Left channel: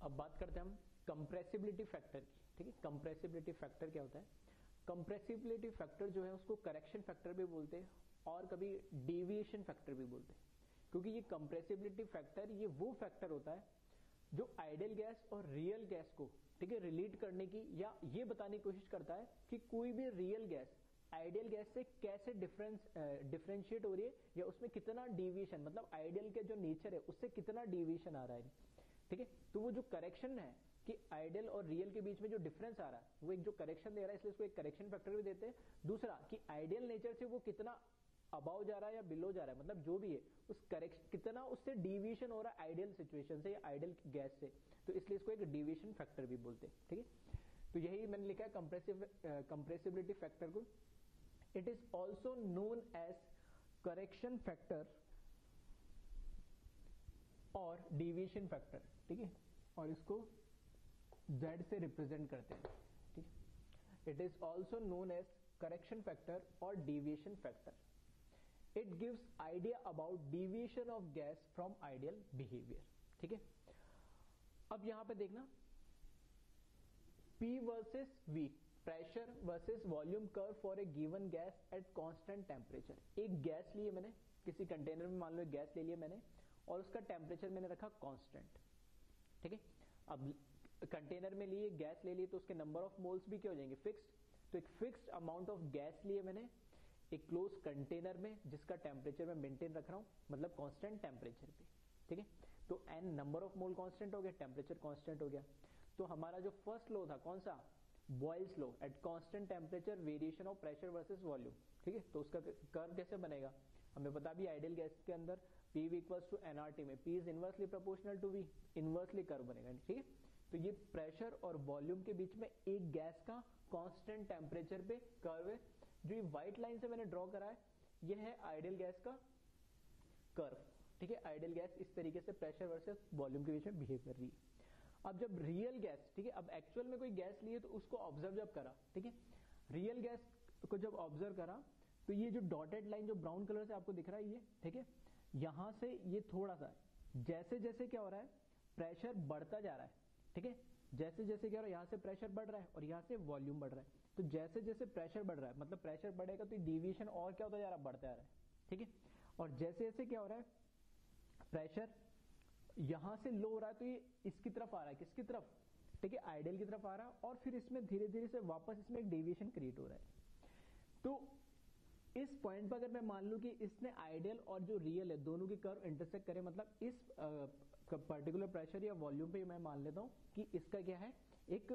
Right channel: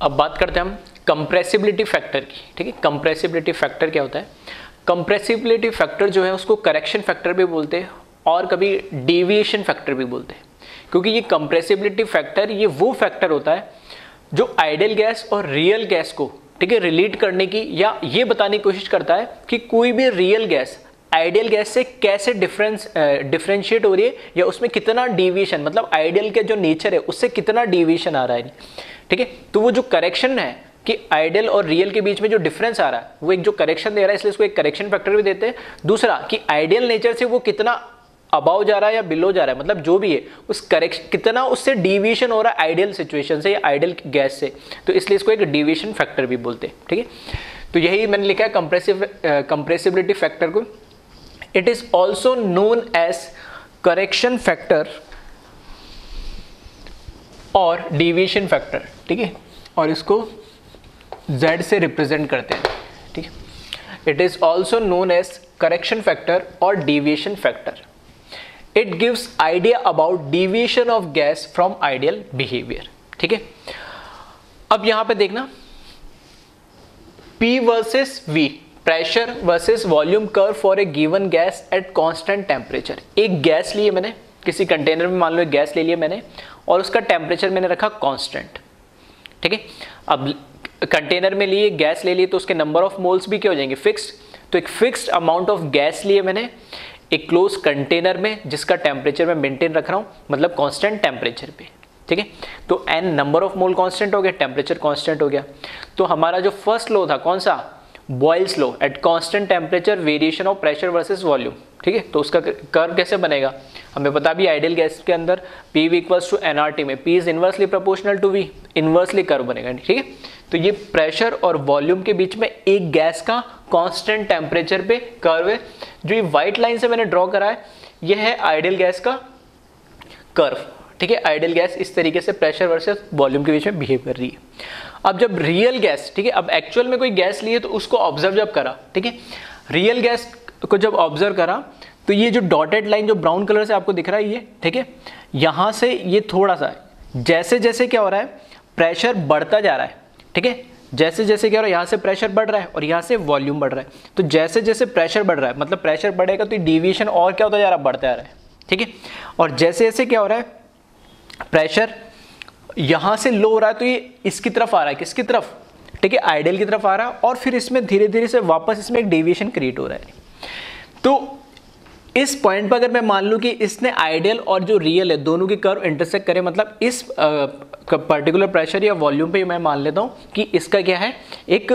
अब बात करते हैं हम कंप्रेसिबिलिटी फैक्टर की। ठीक है, कंप्रेसिबिलिटी फैक्टर क्या होता है? कंप्रेसिबिलिटी फैक्टर जो है उसको करेक्शन फैक्टर भी बोलते हैं और कभी डेविएशन फैक्टर भी बोलते हैं, क्योंकि ये कंप्रेसिबिलिटी फैक्टर ये वो फैक्टर होता है जो आइडियल गैस और रियल गैस को, ठीक है, रिलेट करने की या ये बताने की कोशिश करता है कि कोई भी रियल गैस आइडियल गैस से कैसे डिफरेंशिएट हो रही है या उसमें कितना डेविएशन, मतलब आइडियल का जो नेचर है उससे कितना डेविएशन आ रहा है। ठीक है, तो वो जो करेक्शन है कि आइडियल और रियल के बीच में जो डिफरेंस आ रहा है वो एक जो करेक्शन दे रहा है, इसलिए इसको एक करेक्शन फैक्टर भी देते हैं। दूसरा कि आइडियल नेचर से वो कितना अबाव जा रहा है या बिलो जा रहा है, मतलब जो भी है उस करेक्शन कितना उससे डेविएशन हो रहा है आइडियल सिचुएशन से या आइडियल गैस से, तो इसलिए इसको एक डेविएशन फैक्टर भी बोलते हैं। ठीक है, तो यही मैंने लिखा है कंप्रेसिबिलिटी फैक्टर को। It is also known as correction factor और डेविएशन फैक्टर। ठीक है, और इसको Z से रिप्रेजेंट करते हैं। ठीक है, it is also known as correction factor और deviation factor. It gives idea about deviation of gas from ideal behaviour. ठीक है, अब यहां पे देखना P versus V, pressure versus volume curve for a given gas at constant temperature. एक gas लिए मैंने, किसी कंटेनर में मान लो एक गैस ले लिया मैंने और उसका टेम्परेचर मैंने रखा कांस्टेंट। ठीक है, अब कंटेनर में लिए गैस ले लिए तो उसके नंबर ऑफ मोल्स भी क्या हो जाएंगे? फिक्स्ड। तो एक फिक्स्ड अमाउंट ऑफ गैस लिए मैंने एक क्लोज कंटेनर में जिसका टेम्परेचर मैं मेंटेन रख रहा हूं, मतलब कांस्टेंट टेम्परेचर पे। ठीक है, तो n number of mole constant हो गया, टेम्परेचर कांस्टेंट हो गया। तो हमारा जो फर्स्ट लॉ था कौन सा? Boyle's law, eight constant temperature variation of pressure versus volume. ठीक है, तो उसका कर्व कैसे बनेगा? हमें पता भी आइडियल गैस के अंदर PV इक्वल्स टू nRT में P is inversely proportional to V, inversely curve बनेगा। ठीक है, तो ये प्रेशर और वॉल्यूम के बीच में एक गैस का कांस्टेंट टेम्परेचर पे कर्व है। जो ये व्हाइट लाइन से मैंने ड्रॉ करा है ये है आइडियल गैस का कर्व। ठीक है, आइडियल गैस इस तरीके से प्रेशर वर्सेस वॉल्यूम के बीच में बिहेव कर रही है। अब जब रियल गैस, ठीक है, अब एक्चुअल में कोई गैस ली है तो उसको ऑब्जर्व जब करा, ठीक है, रियल गैस को जब ऑब्जर्व करा तो ये जो डॉटेड लाइन जो ब्राउन कलर से आपको दिख रहा है ये, ठीक है, यहां से ये थोड़ा सा जैसे जैसे क्या हो रहा है प्रेशर बढ़ता जा रहा है। ठीक है, जैसे जैसे क्या हो रहा है यहाँ से प्रेशर बढ़ रहा है और यहाँ से वॉल्यूम बढ़ रहा है। तो जैसे जैसे प्रेशर बढ़ रहा है मतलब प्रेशर बढ़ेगा तो डेविएशन और क्या होता जा रहा है? बढ़ता जा रहा है। ठीक है, और जैसे जैसे क्या हो रहा है प्रेशर यहां से लो हो रहा है तो ये इसकी तरफ आ रहा है, किसकी तरफ? ठीक है, आइडियल की तरफ आ रहा है और फिर इसमें धीरे धीरे से वापस इसमें एक डेविएशन क्रिएट हो रहा है। तो इस पॉइंट पर अगर मैं मान लूं कि इसने आइडियल और जो रियल है दोनों की कर्व इंटरसेक्ट करे, मतलब इस पर्टिकुलर प्रेशर या वॉल्यूम पे मैं मान लेता हूं कि इसका क्या है, एक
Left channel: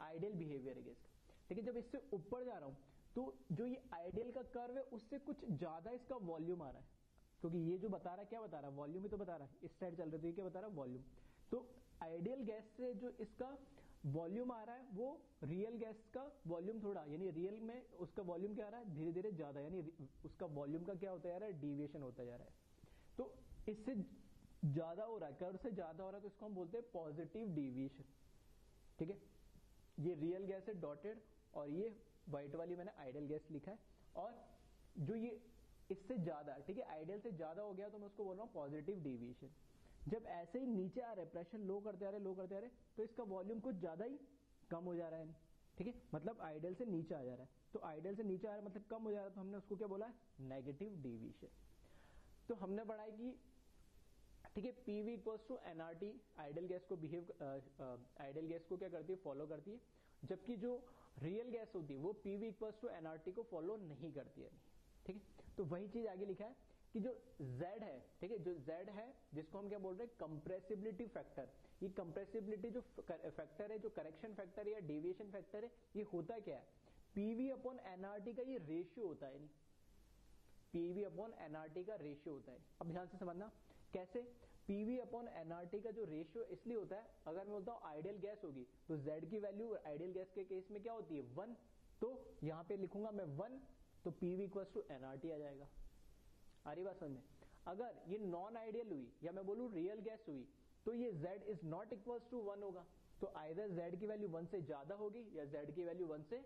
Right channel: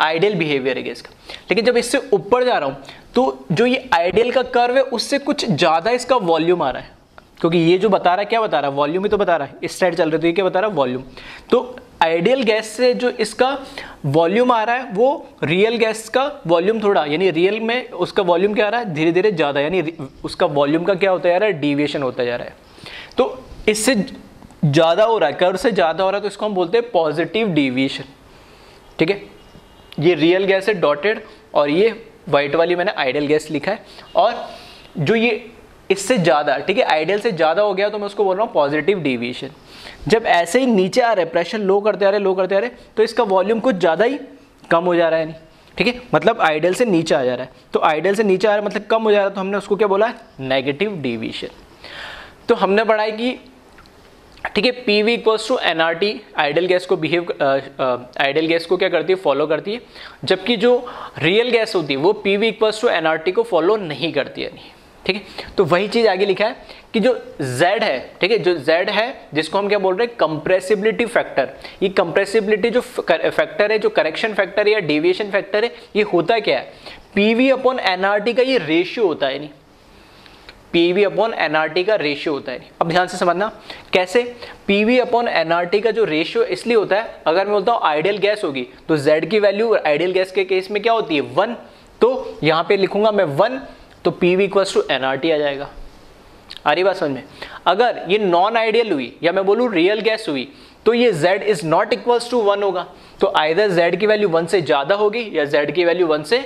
आइडियल बिहेवियर है इसका। लेकिन जब इससे ऊपर जा रहा हूं तो जो ये आइडियल का कर्व है उससे कुछ ज्यादा इसका वॉल्यूम आ रहा है, क्योंकि ये जो बता रहा है क्या बता रहा है? वॉल्यूम ही तो बता रहा है। इस साइड चल रहे तो ये क्या बता रहा है? वॉल्यूम। तो आइडियल गैस से जो इसका वॉल्यूम आ रहा है वो रियल गैस का वॉल्यूम थोड़ा, यानी रियल में उसका वॉल्यूम क्या आ रहा है? धीरे धीरे ज्यादा, यानी उसका वॉल्यूम का क्या होता जा रहा है? डेविएशन होता जा रहा है। तो इससे ज्यादा हो रहा है, कर्व से ज्यादा हो रहा है, तो इसको हम बोलते हैं पॉजिटिव डेविएशन। ठीक है, ये रियल गैस है डॉटेड और ये व्हाइट वाली मैंने आइडियल गैस लिखा है। और जो ये इससे ज्यादा, ठीक है, आइडियल से ज्यादा हो गया तो मैं उसको बोल रहा हूँ पॉजिटिव डेविएशन। जब ऐसे ही नीचे आ रहे प्रेशर लो करते आ रहे तो इसका वॉल्यूम कुछ ज्यादा ही कम हो जा रहा है, नहीं? ठीक है, मतलब आइडियल से नीचे आ जा रहा है। तो आइडियल से नीचे आ रहा है मतलब कम हो जा रहा है, तो हमने उसको क्या बोला है? Negative deviation. तो हमने पढ़ा है कि ठीक है PV equals to nRT ideal gas को आइडियल गैस को क्या करती है? फॉलो करती है, जबकि जो रियल गैस होती है वो PV इक्वल्स टू nRT को फॉलो नहीं करती है। ठीक है, तो वही चीज आगे लिखा है कि जो Z है, ठीक है, जो Z है जिसको हम क्या बोल रहे हैं? Compressibility factor. ये कंप्रेसिबिलिटी जो फैक्टर है, जो करेक्शन फैक्टर है या डेविएशन फैक्टर है, ये होता क्या है? PV अपॉन nRT का ये रेशियो होता है, नहीं? PV अपॉन nRT का रेशियो होता है। अब ध्यान से समझना कैसे। PV अपॉन nRT का जो रेशियो इसलिए होता है, अगर मैं बोलता हूँ आइडियल गैस होगी तो Z की वैल्यू आइडियल गैस के केस में क्या होती है? 1। तो यहां पे लिखूंगा मैं 1, तो PV इक्वल्स टू nRT आ जाएगा। आ रही बात समझ में? अगर ये नॉन आइडियल हुई या मैं बोलूं रियल गैस हुई तो ये Z is not equals to 1 होगा। तो आइदर Z की वैल्यू 1 से ज्यादा होगी या Z की वैल्यू 1 से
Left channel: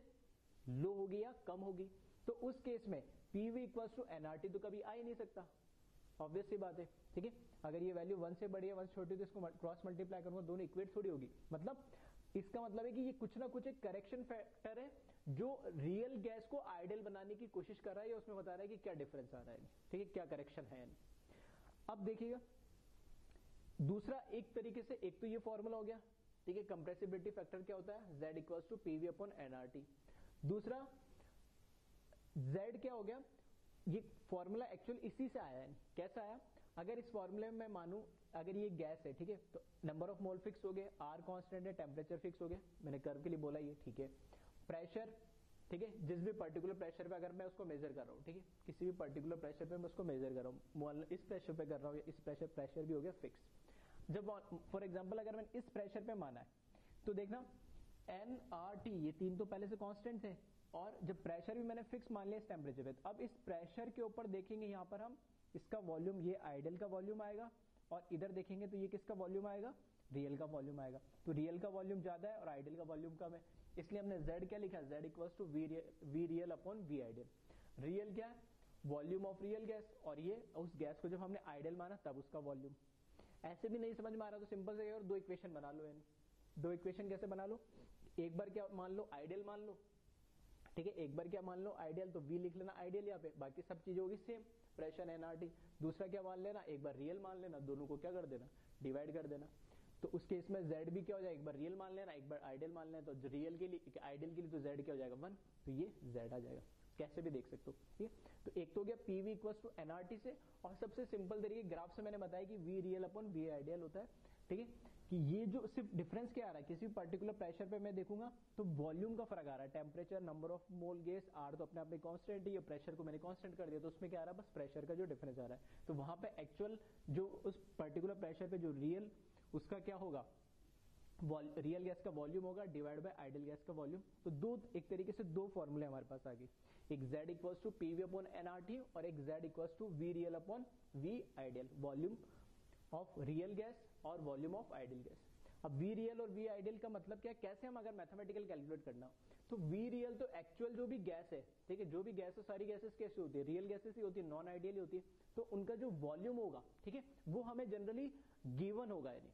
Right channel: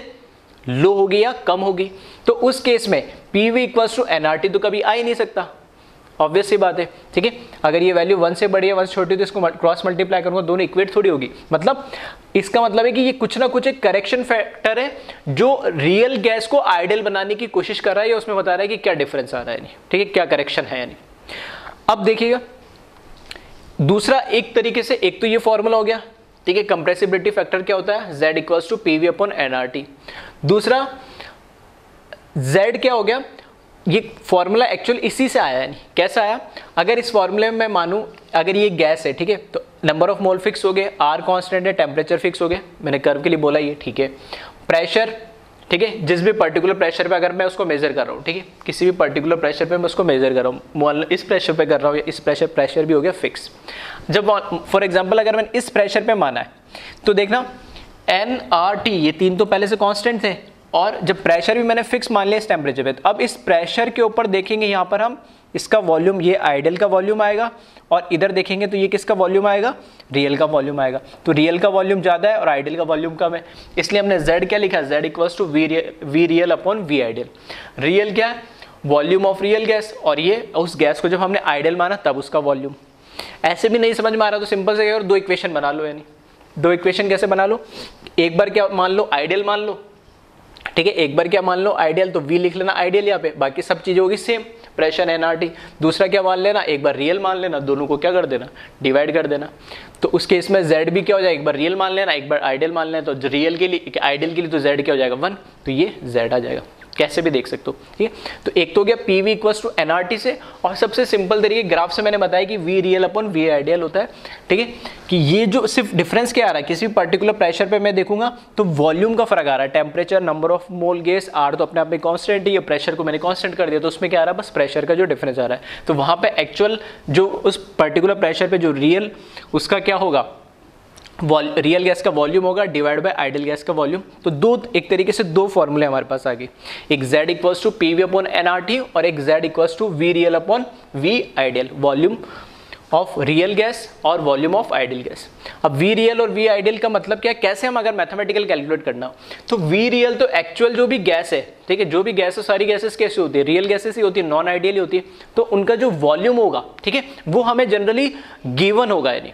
लो होगी या कम होगी। तो उस केस में PV इक्वल्स टू nRT तो कभी आ ही नहीं सकता। ऑब्वियस सी बात है, ठीक है। अगर ये वैल्यू 1 से बड़ी है 1 से छोटी है तो इसको क्रॉस मल्टीप्लाई करूंगा, दोनों इक्वेट थोड़ी होगी। मतलब इसका मतलब है कि ये कुछ ना कुछ एक करेक्शन फैक्टर है जो रियल गैस को आइडियल बनाने की कोशिश कर रहा है, या उसमें बता रहा है कि क्या डिफरेंस आ रहा है, नहीं ठीक है, क्या करेक्शन है यानी। अब देखिएगा दूसरा एक तरीके से, एक तो ये फॉर्मूला हो गया, ठीक है, कंप्रेसिबिलिटी फैक्टर क्या होता है, Z equals to PV upon NRT। दूसरा Z क्या हो गया, ये फॉर्मूला एक्चुअल इसी से आया है, नहीं कैसा आया, अगर इस फॉर्मूले में मैं मानूं अगर ये गैस है, ठीक है, तो नंबर ऑफ मोल फिक्स हो गए, R कांस्टेंट है, टेम्परेचर फिक्स हो गए, मैंने कर्व के लिए बोला ये, ठीक है। प्रेशर, ठीक है, जिस भी पर्टिकुलर प्रेशर पे अगर मैं उसको मेजर कर रहा हूँ, ठीक है, किसी भी पर्टिकुलर प्रेशर पे मैं उसको मेजर कर रहा हूँ, इस प्रेशर पे कर रहा हूँ या इस प्रेशर भी हो गया फिक्स। जब फॉर एग्जांपल अगर मैंने इस प्रेशर पे माना है तो देखना NRT ये तीन तो पहले से कांस्टेंट थे, और जब प्रेशर भी मैंने फिक्स मान लिया इस टेम्परेचर पे, तो अब इस प्रेशर के ऊपर देखेंगे यहाँ पर हम इसका वॉल्यूम, ये आइडियल का वॉल्यूम आएगा, और इधर देखेंगे तो ये किसका वॉल्यूम आएगा, रियल का वॉल्यूम आएगा। तो रियल का वॉल्यूम ज़्यादा है और आइडियल का वॉल्यूम कम है, इसलिए हमने Z क्या लिखा, Z equals to V real upon V ideal. Real क्या है, वॉल्यूम ऑफ रियल गैस, और ये उस गैस को जब हमने आइडियल माना तब उसका वॉल्यूम। ऐसे भी नहीं समझ में आ रहा तो सिंपल से और दो इक्वेशन बना लो, यानी दो इक्वेशन कैसे बना लो, एक बार क्या मान लो आइडियल मान लो, ठीक है, एक बार क्या मान लो आइडियल, तो V लिख लेना आइडियल यहाँ पे, बाकी सब चीजें होगी सेम, प्रेशर NRT। दूसरा क्या मान लेना, एक बार रियल मान लेना, दोनों को क्या कर देना, डिवाइड कर देना। तो उस केस में Z भी क्या हो जाएगा, एक बार रियल मान लेना, एक बार आइडियल मान लेना, तो रियल के लिए आइडियल के लिए तो Z क्या हो जाएगा 1, तो ये Z आ जाएगा, कैसे भी देख सकते हो, ठीक है। तो एक तो हो गया PV इक्वल्स टू NRT से, और सबसे सिंपल तरीके ग्राफ से मैंने बताया कि V real upon V ideal होता है, ठीक है, कि ये जो सिर्फ डिफरेंस क्या आ रहा है, किसी भी पर्टिकुलर प्रेशर पे मैं देखूंगा तो वॉल्यूम का फर्क आ रहा है, temperature, number of mole gas, R तो अपने आप में कांस्टेंट है, ये प्रेशर को मैंने कांस्टेंट कर दिया, तो उसमें क्या आ रहा है, बस प्रेशर का जो डिफरेंस आ रहा है। तो वहां पे एक्चुअल जो उस पर्टिकुलर प्रेशर पे जो रियल उसका क्या होगा, रियल गैस का वॉल्यूम होगा डिवाइड बाय आइडियल गैस का वॉल्यूम। तो दो, एक तरीके से दो फॉर्मूले हमारे पास आ गए, एक Z equals to PV upon NRT और एक Z equals to V real upon V ideal, volume of real gas और वॉल्यूम ऑफ आइडियल गैस। अब V रियल और V आइडियल का मतलब क्या है, कैसे हम अगर मैथमेटिकल कैलकुलेट करना हो तो V रियल तो एक्चुअल जो भी गैस है, ठीक है, जो भी गैस है सारी गैसेस कैसे होती है, रियल गैसेस ही होती है, नॉन आइडियल ही होती है, तो उनका जो वॉल्यूम होगा, ठीक है, वो हमें जनरली गिवन होगा, यानी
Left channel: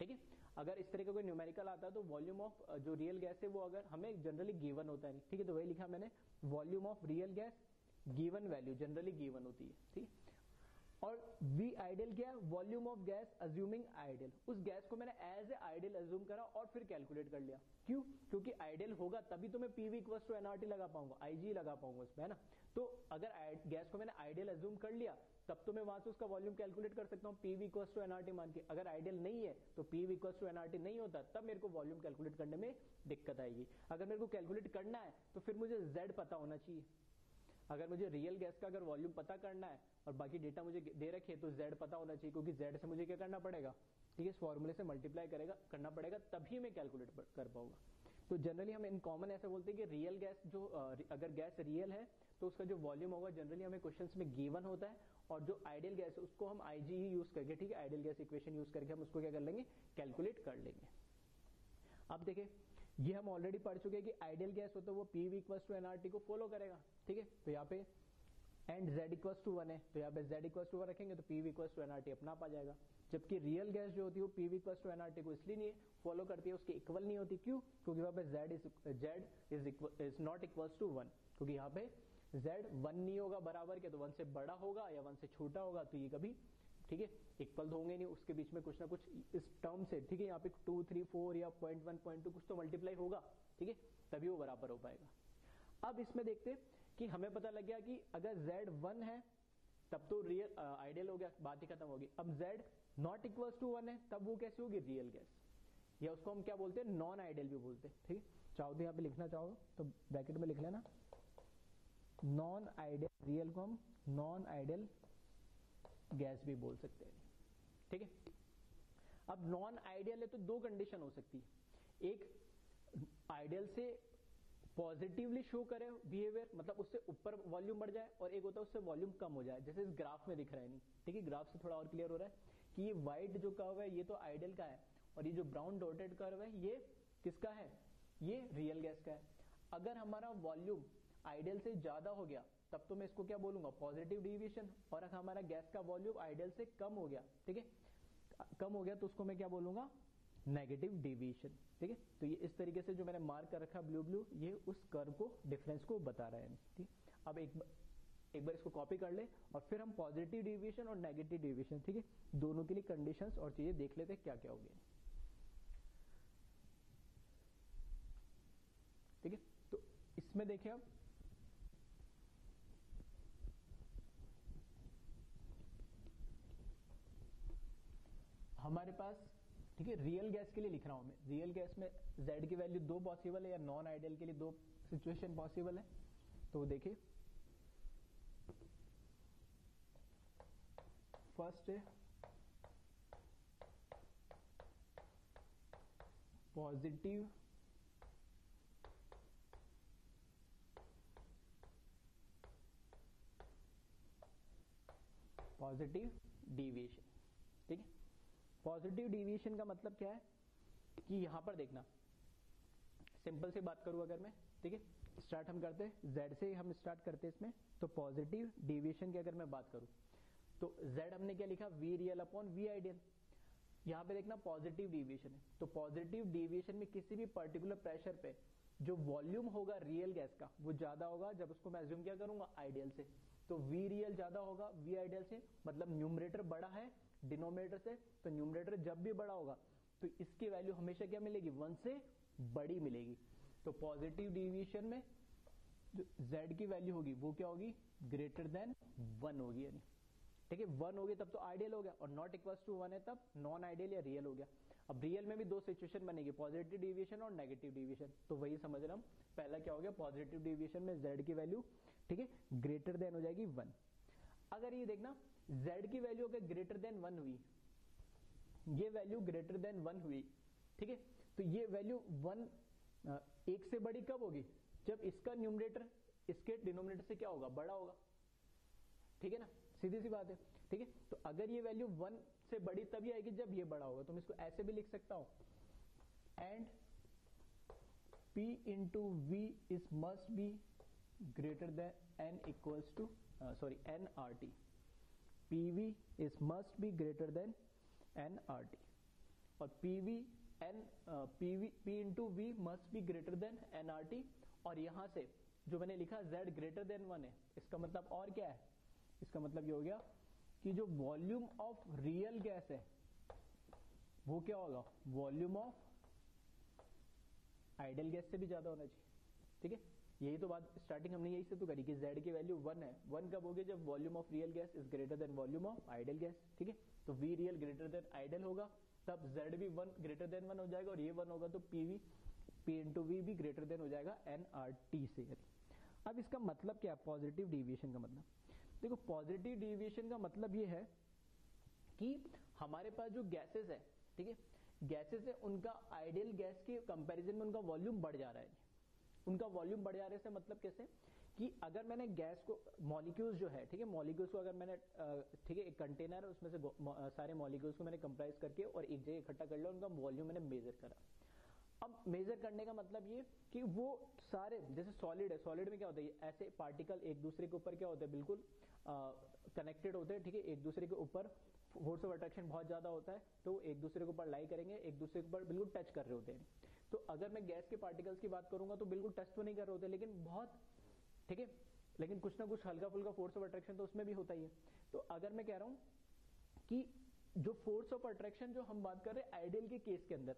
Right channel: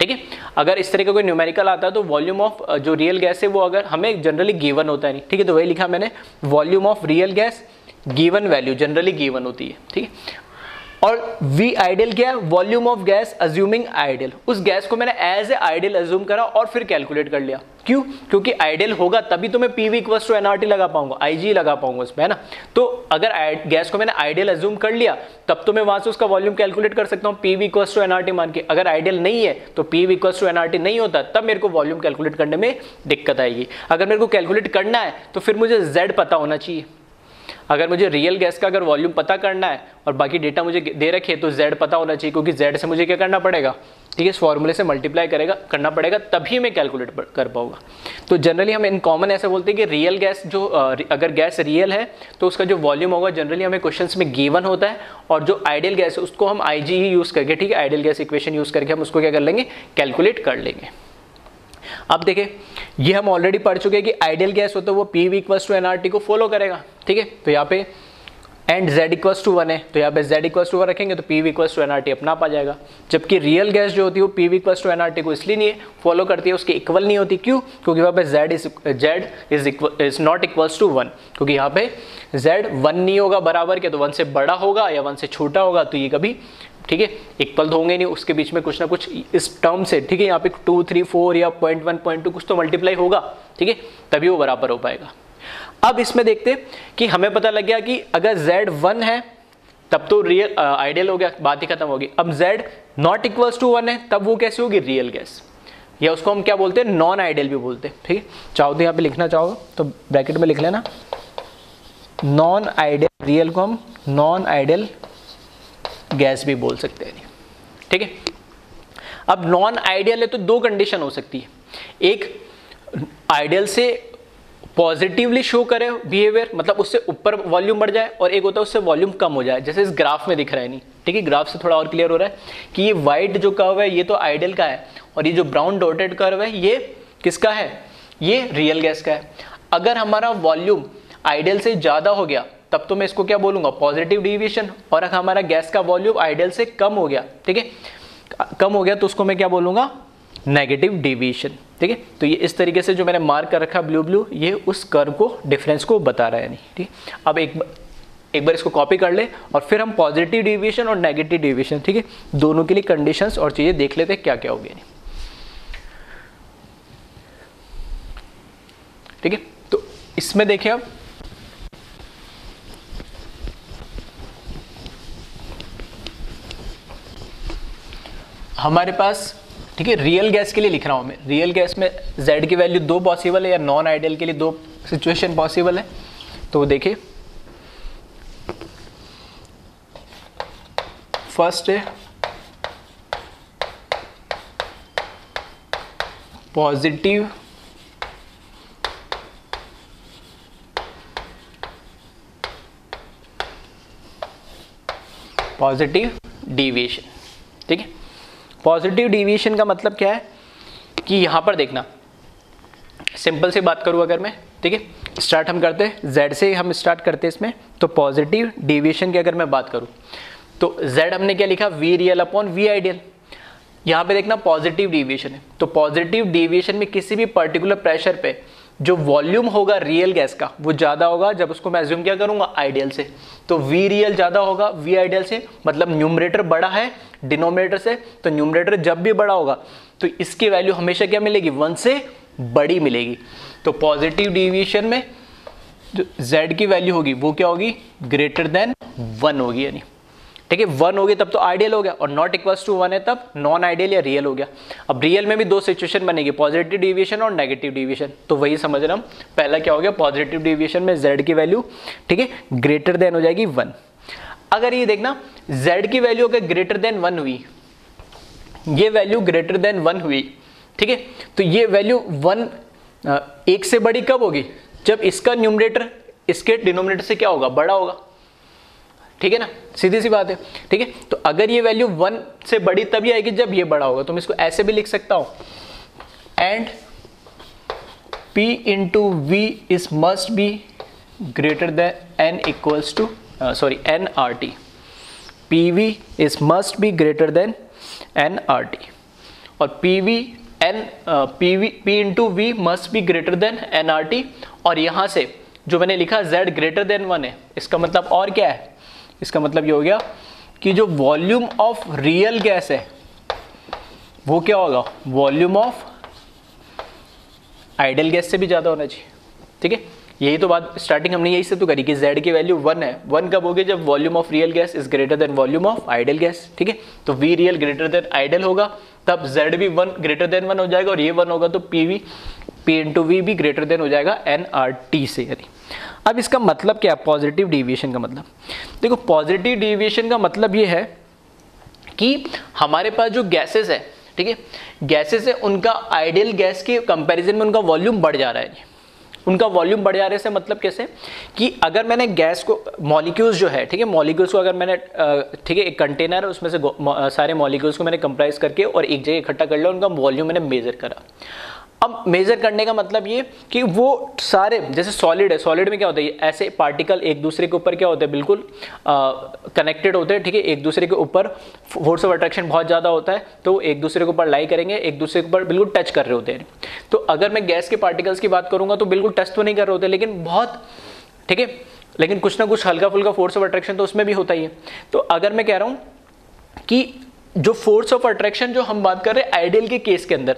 ठीक है। अगर इस तरह का कोई न्यूमेरिकल आता है तो वॉल्यूम ऑफ जो रियल गैस है वो अगर हमें जनरली गिवन होता है, नहीं ठीक है, तो वही लिखा मैंने, volume of real gas given value generally given होती है, ठीक है। और V आइडियल क्या है, volume of gas assuming ideal, उस गैस को मैंने एज ए आइडियल अज्यूम करा और फिर कैलकुलेट कर लिया, क्यों, क्योंकि आइडियल होगा तभी तो मैं PV इक्वल्स टू NRT लगा पाऊंगा, IG लगा पाऊंगा उसमें, है ना। तो अगर गैस को मैंने आइडियल अज्यूम कर लिया तब तो मैं वहां से उसका वॉल्यूम कैलकुलेट कर सकता हूँ PV इक्वल्स टू NRT मान के। अगर आइडियल नहीं है तो PV इक्वल्स टू NRT नहीं होता, तब मेरे को वॉल्यूम कैलकुलेट करने में दिक्कत आएगी। अगर मेरे को कैलकुलेट करना है तो फिर मुझे Z पता होना चाहिए। अगर मुझे रियल गैस का अगर वॉल्यूम पता करना है और बाकी डेटा मुझे दे रखे तो Z पता होना चाहिए, क्योंकि Z से मुझे क्या करना पड़ेगा, ठीक है, इस फॉर्मूले से मल्टीप्लाई करना पड़ेगा, तभी मैं कैलकुलेट कर पाऊंगा। तो जनरली हम इन कॉमन ऐसे बोलते हैं कि रियल गैस जो अगर गैस रियल है तो उसका जो वॉल्यूम होगा जनरली हमें क्वेश्चंस में गिवन होता है, और जो आइडियल गैस है उसको हम IG ही यूज़ करके, ठीक है, आइडियल गैस इक्वेशन यूज़ करके हम उसको क्या कर लेंगे, कैलकुलेट कर लेंगे। अब देखें, ये हम ऑलरेडी पढ़ चुके हैं कि आइडियल गैस होता है वो PV इक्वल्स टू NRT को फॉलो करेगा, ठीक है। तो यहाँ पे एंड Z इक्वल्स टू 1 है, तो यहाँ पे Z इक्वल्स टू 1 रखेंगे तो PV इक्वल्स टू NRT अपना आप आ जाएगा। जबकि रियल गैस जो होती है वो PV इक्वल्स टू NRT को इसलिए नहीं फॉलो करती है, उसके इक्वल नहीं होती, क्यों, क्योंकि वहाँ पे Z is not equals to 1, क्योंकि यहाँ पे Z 1 नहीं होगा बराबर के, तो 1 से बड़ा होगा या 1 से छोटा होगा, तो ये कभी, ठीक है, इक्वल तो होंगे नहीं, उसके बीच में कुछ ना कुछ इस टर्म से, ठीक है, यहाँ पे 2, 3, 4 या 0.1, 0.2 कुछ तो मल्टीप्लाई होगा, ठीक है, तभी वो बराबर हो पाएगा। अब इसमें देखते कि हमें पता लग गया कि अगर Z 1 है तब तो रियल आइडियल हो गया, बात ही खत्म होगी। अब Z नॉट इक्वल्स टू 1 है तब वो कैसे होगी, रियल गैस, या उसको हम क्या बोलते हैं, नॉन आइडियल भी बोलते हैं, ठीक है। चाहो तो यहाँ पे लिखना चाहो तो ब्रैकेट में लिख लेना, नॉन आइडियल, रियल को हम नॉन आइडियल गैस भी बोल सकते हैं, ठीक है। अब नॉन आइडियल है तो दो कंडीशन हो सकती है, एक आइडियल से पॉजिटिवली शो करे बिहेवियर, मतलब उससे ऊपर वॉल्यूम बढ़ जाए, और एक होता है उससे वॉल्यूम कम हो जाए, जैसे इस ग्राफ में दिख रहा है, नहीं ठीक है, ग्राफ से थोड़ा और क्लियर हो रहा है कि ये व्हाइट जो कर्व है ये तो आइडियल का है, और ये जो ब्राउन डॉटेड कर्व है ये किसका है, ये रियल गैस का है। अगर हमारा वॉल्यूम आइडियल से ज्यादा हो गया तब तो मैं इसको क्या बोलूंगा, पॉजिटिव डिविएशन। और अगर हमारा गैस का वॉल्यूम आइडियल से कम हो गया, ठीक है, कम हो गया, तो उसको मैं क्या बोलूंगा, नेगेटिव डिविएशन। ठीक है, तो ये इस तरीके से जो मैंने मार्क कर रखा ब्लू ब्लू, ये उस कर्व को, डिफरेंस को बता रहा है नहीं। ठीक, अब एक बार इसको कॉपी कर ले और फिर हम पॉजिटिव डिविएशन और नेगेटिव डिविएशन, ठीक है, दोनों के लिए कंडीशंस और चीजें देख लेते हैं क्या क्या होगी। ठीक है, तो इसमें देखिए अब हमारे पास, ठीक है, रियल गैस के लिए लिख रहा हूं मैं, रियल गैस में Z की वैल्यू 2 पॉसिबल है, या नॉन आइडियल के लिए 2 सिचुएशन पॉसिबल है। तो देखिए फर्स्ट है पॉजिटिव डिविएशन। ठीक है, पॉजिटिव डिविएशन का मतलब क्या है कि यहां पर देखना, सिंपल सी बात करूं अगर मैं, ठीक है, स्टार्ट हम करते हैं Z से, हम स्टार्ट करते हैं इसमें। तो पॉजिटिव डिविएशन की अगर मैं बात करूं तो Z हमने क्या लिखा, V real upon V ideal. यहां पे देखना पॉजिटिव डिविएशन है, तो पॉजिटिव डिविएशन में किसी भी पर्टिकुलर प्रेशर पे जो वॉल्यूम होगा रियल गैस का वो ज्यादा होगा जब उसको मैं अज्यूम क्या करूंगा, आइडियल से। तो V रियल ज्यादा होगा V आइडियल से, मतलब न्यूमरेटर बड़ा है डिनोमिनेटर से, तो न्यूमरेटर जब भी बड़ा होगा तो इसकी वैल्यू हमेशा क्या मिलेगी, 1 से बड़ी मिलेगी। तो पॉजिटिव डिविएशन में जो Z की वैल्यू होगी वो क्या होगी, ग्रेटर देन 1 होगी, यानी ठीक है 1 होगी तब तो आइडियल हो गया, और नॉट इक्वल्स टू 1 है तब नॉन आइडियल या रियल हो गया। अब रियल में भी 2 सिचुएशन बनेगी, पॉजिटिव डिविएशन और नेगेटिव डिविएशन। तो वही समझ रहा हम, पहला क्या हो गया, पॉजिटिव डिविएशन में Z की वैल्यू, ठीक है, ग्रेटर देन हो जाएगी 1। अगर ये देखना Z की वैल्यू अगर ग्रेटर देन 1 हुई, ये वैल्यू ग्रेटर देन 1 हुई, ठीक है, तो ये वैल्यू 1 से बड़ी कब होगी, जब इसका न्यूमरेटर इसके डिनोमिनेटर से क्या होगा, बड़ा होगा। ठीक है ना, सीधी सी बात है। ठीक है, तो अगर ये वैल्यू 1 से बड़ी तभी आएगी जब ये बड़ा होगा। तो मैं इसको ऐसे भी लिख सकता हूं, and P into V is must be greater than N equals to NRT। PV is must be greater than NRT, और P into V must be greater than NRT। और यहां से जो मैंने लिखा Z ग्रेटर देन 1 है, इसका मतलब और क्या है, इसका मतलब ये हो गया कि जो वॉल्यूम ऑफ रियल गैस है वो क्या होगा, वॉल्यूम ऑफ आइडियल गैस से भी ज्यादा होना चाहिए। ठीक है, यही तो बात स्टार्टिंग हमने यही से तो करी कि Z की वैल्यू 1 है। 1 कब होगी, जब volume of real gas is greater then volume of ideal gas. ठीक है, तो V real greater than ideal होगा, तब Z भी 1 ग्रेटर देन 1 हो जाएगा, और ये 1 होगा तो P इंटू वी भी ग्रेटर देन हो जाएगा NRT से। यानी अब इसका मतलब क्या है, पॉजिटिव डिविएशन का मतलब, देखो पॉजिटिव डिविएशन का मतलब ये है कि हमारे पास जो गैसेस है, ठीक है, गैसेस है, उनका आइडियल गैस के कंपैरिजन में उनका वॉल्यूम बढ़ जा रहा है। उनका वॉल्यूम बढ़ जाने से मतलब कैसे, कि अगर मैंने गैस को, मॉलिक्यूल्स जो है, ठीक है, मॉलिक्यूल्स को अगर मैंने, ठीक है, एक कंटेनर है उसमें से सारे मॉलिक्यूल्स को मैंने कंप्राइज करके और एक जगह इकट्ठा कर लिया, उनका वॉल्यूम मैंने मेजर करा। अब मेजर करने का मतलब ये कि वो सारे, जैसे सॉलिड है, सॉलिड में क्या होता है, ऐसे पार्टिकल एक दूसरे के ऊपर क्या होते हैं, बिल्कुल कनेक्टेड होते हैं। ठीक है, एक दूसरे के ऊपर फोर्स ऑफ अट्रैक्शन बहुत ज़्यादा होता है, तो एक दूसरे के ऊपर लाई करेंगे, एक दूसरे के ऊपर बिल्कुल टच कर रहे होते हैं। तो अगर मैं गैस के पार्टिकल्स की बात करूंगा तो बिल्कुल टच तो नहीं कर रहे होते, लेकिन बहुत, ठीक है, लेकिन कुछ ना कुछ हल्का फुल्का फोर्स ऑफ अट्रैक्शन तो उसमें भी होता ही है। तो अगर मैं कह रहा हूं कि जो फोर्स ऑफ अट्रैक्शन जो हम बात कर रहे हैं आइडियल के केस के अंदर,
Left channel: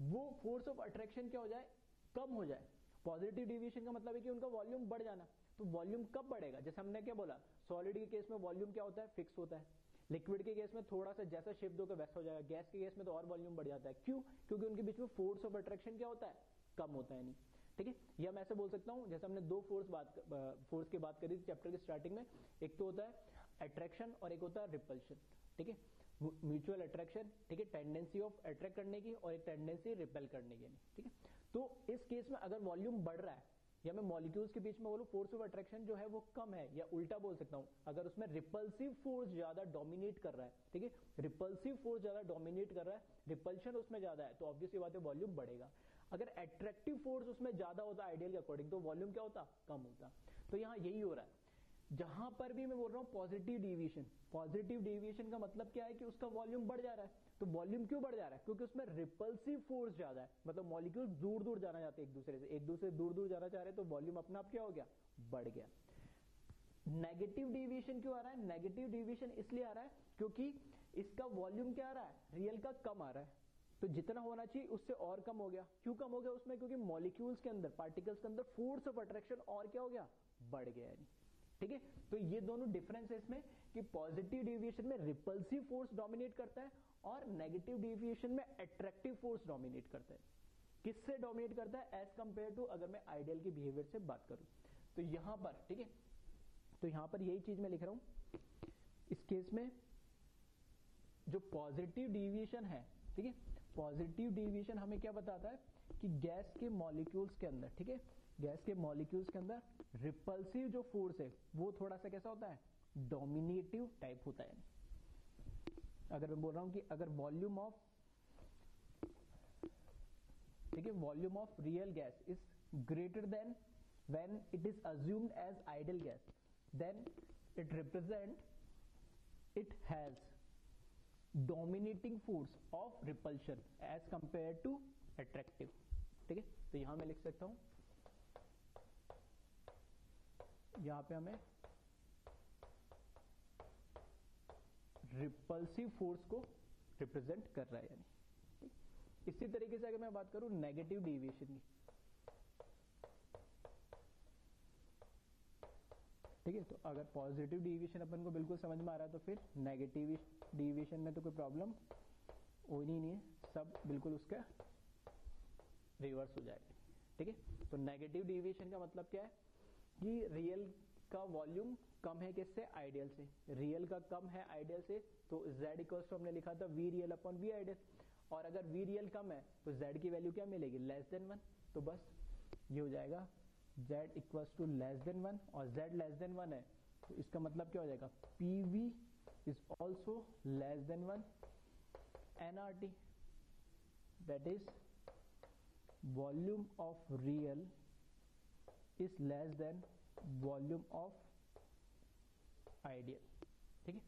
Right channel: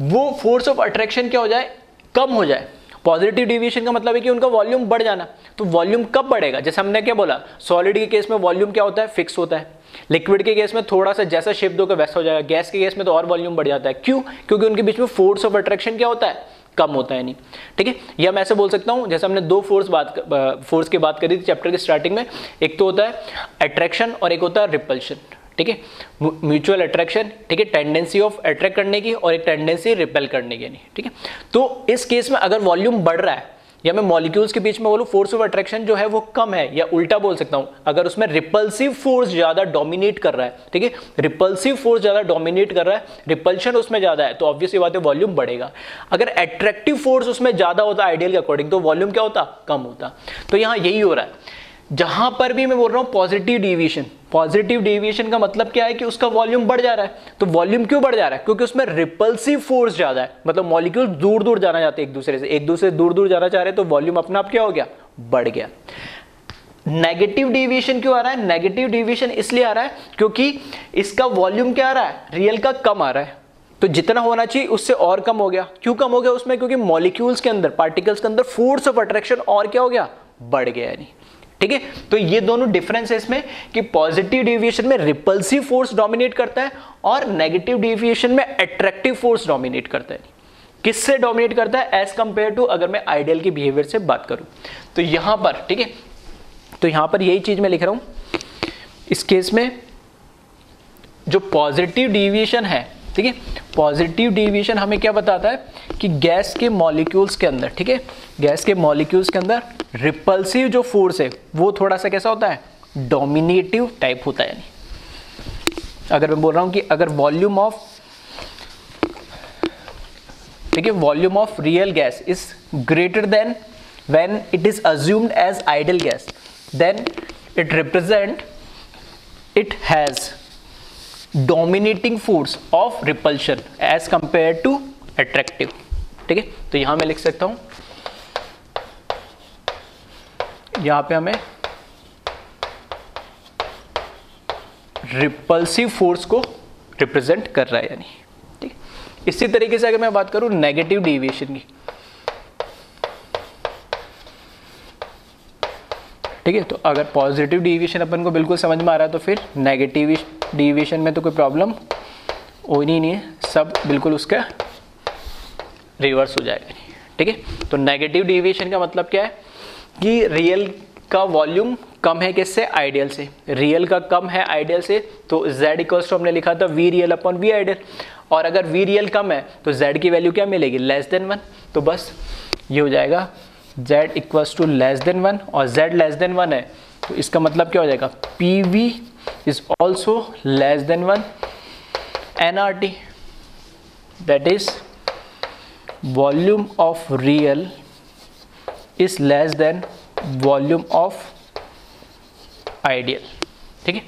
वो फोर्स ऑफ अट्रैक्शन क्या हो जाए, कम हो जाए। पॉजिटिव डिविएशन का मतलब है कि उनका वॉल्यूम बढ़ जाना। तो वॉल्यूम कब बढ़ेगा, जैसे हमने क्या बोला, सॉलिड के केस में वॉल्यूम क्या होता है, फिक्स होता है। लिक्विड के केस में थोड़ा सा जैसा शेप दोगे वैसा हो जाएगा। गैस के केस में तो और वॉल्यूम बढ़ जाता है। क्यों, क्योंकि उनके बीच में फोर्स ऑफ अट्रैक्शन क्या होता है, कम होता है। नहीं, ठीक है, या मैं ऐसे बोल सकता हूं, जैसे हमने 2 फोर्स की बात करी थी चैप्टर के स्टार्टिंग में, एक तो होता है अट्रैक्शन और एक होता है रिपल्शन। ठीक है, म्यूचुअल अट्रैक्शन, ठीक है, टेंडेंसी ऑफ अट्रैक्ट करने की और एक टेंडेंसी रिपेल करने की। नहीं, ठीक है, तो इस केस में अगर वॉल्यूम बढ़ रहा है या मैं मॉलिक्यूल्स के बीच में बोलूं फोर्स ऑफ अट्रैक्शन जो है वो कम है, या उल्टा बोल सकता हूं अगर उसमें रिपल्सिव फोर्स ज्यादा डोमिनेट कर रहा है, ठीक है, रिपल्सिव फोर्स ज्यादा डोमिनेट कर रहा है, रिपल्शन उसमें ज्यादा है, तो ऑब्वियसली बात है वॉल्यूम बढ़ेगा। अगर एट्रैक्टिव फोर्स उसमें ज्यादा होता आइडियल के अकॉर्डिंग, तो वॉल्यूम क्या होता, कम होता। तो यहां यही हो रहा है। जहां पर भी मैं बोल रहा हूं पॉजिटिव डेविएशन, पॉजिटिव डेविएशन का मतलब क्या है कि उसका वॉल्यूम बढ़ जा रहा है। तो वॉल्यूम क्यों बढ़ जा रहा है, क्योंकि उसमें रिपल्सिव फोर्स ज्यादा है, मतलब मॉलिक्यूल दूर दूर जाना चाहते हैं एक दूसरे से, एक दूसरे दूर दूर जाना चाह रहे हैं, तो वॉल्यूम अपना आप क्या हो गया, बढ़ गया। नेगेटिव डेविएशन क्यों आ रहा है, नेगेटिव डेविएशन इसलिए आ रहा है क्योंकि इसका वॉल्यूम क्या आ रहा है, रियल का कम आ रहा है, तो जितना होना चाहिए उससे और कम हो गया। क्यों कम हो गया उसमें, क्योंकि मॉलिक्यूल्स के अंदर, पार्टिकल्स के अंदर फोर्स ऑफ अट्रैक्शन और क्या हो गया, बढ़ गया। यानी ठीक है, तो ये दोनों डिफरेंस है इसमें कि पॉजिटिव डेविएशन में रिपल्सिव फोर्स डोमिनेट करता है और नेगेटिव डेविएशन में अट्रैक्टिव फोर्स डोमिनेट करता है। किससे डोमिनेट करता है एज कंपेयर टू, अगर मैं आइडियल के बिहेवियर से बात करूं। तो यहां पर ठीक है, तो यहां पर यही चीज मैं लिख रहा हूं इस केस में, जो पॉजिटिव डेविएशन है, ठीक है, पॉजिटिव डेविएशन हमें क्या बताता है कि गैस के मॉलिक्यूल्स के अंदर, ठीक है, गैस के मॉलिक्यूल्स के अंदर रिपल्सिव जो फोर्स है वो थोड़ा सा कैसा होता है, डोमिनेटिव टाइप होता है। यानी अगर मैं बोल रहा हूं कि अगर वॉल्यूम ऑफ, ठीक है, volume of real gas is greater than when it is assumed as ideal gas, then it represent, it has dominating force of repulsion as compare to attractive. ठीक है, तो यहां मैं लिख सकता हूं, यहां पे हमें रिपल्सिव फोर्स को रिप्रेजेंट कर रहा है। यानी ठीक, इसी तरीके से अगर मैं बात करूं नेगेटिव डेविएशन की, ठीक है, तो अगर पॉजिटिव डेविएशन अपन को बिल्कुल समझ में आ रहा है, तो फिर नेगेटिव डेविएशन में तो कोई प्रॉब्लम होनी नहीं है, सब बिल्कुल उसका रिवर्स हो जाएगा। ठीक है, तो नेगेटिव डेविएशन का मतलब क्या है कि रियल का वॉल्यूम कम है किससे, आइडियल से, रियल का कम है आइडियल से, तो z इक्वल्स टू हमने लिखा था V real upon V ideal, और अगर वी रियल कम है तो z की वैल्यू क्या मिलेगी, लेस देन 1, तो बस ये हो जाएगा z equals to less than 1, और z लेस देन 1 है तो इसका मतलब क्या हो जाएगा, P V is also less than 1 nRT, that is volume of real is less than volume of ideal. ठीक है,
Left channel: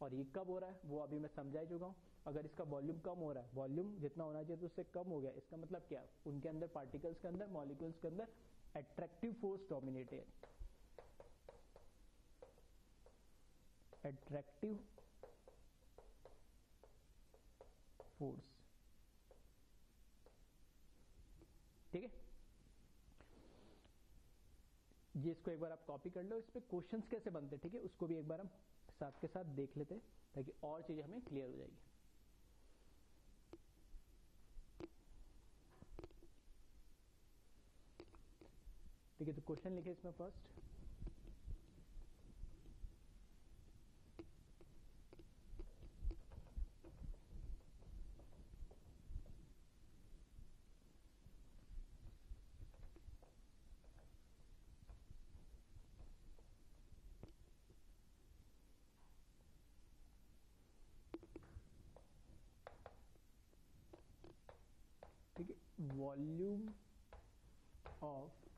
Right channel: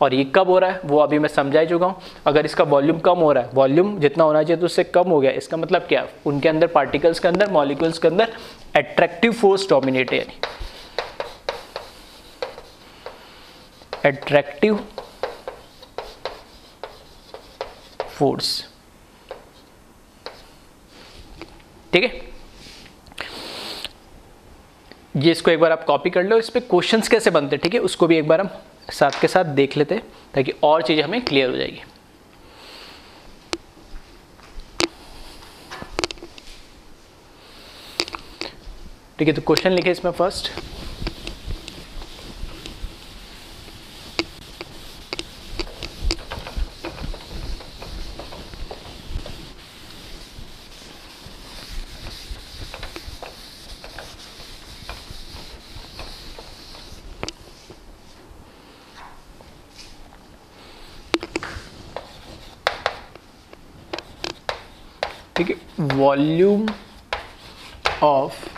और ये कब हो रहा है वो अभी मैं समझा चुका हूँ। अगर इसका वॉल्यूम कम हो रहा है, वॉल्यूम जितना होना चाहिए तो उससे कम हो गया, इसका मतलब क्या, उनके अंदर पार्टिकल्स के अंदर, मॉलिक्यूल्स के अंदर अट्रैक्टिव फोर्स डोमिनेट है, यानी अट्रैक्टिव फोर्स। ठीक है, ये इसको एक बार आप कॉपी कर लो, इस पे क्वेश्चंस कैसे बनते हैं, ठीक है, उसको भी एक बार हम साथ के साथ देख लेते हैं ताकि और चीजें हमें क्लियर हो जाएगी। ठीक है, तो क्वेश्चन लिखे इसमें फर्स्ट, ठीक है, वॉल्यूम ऑफ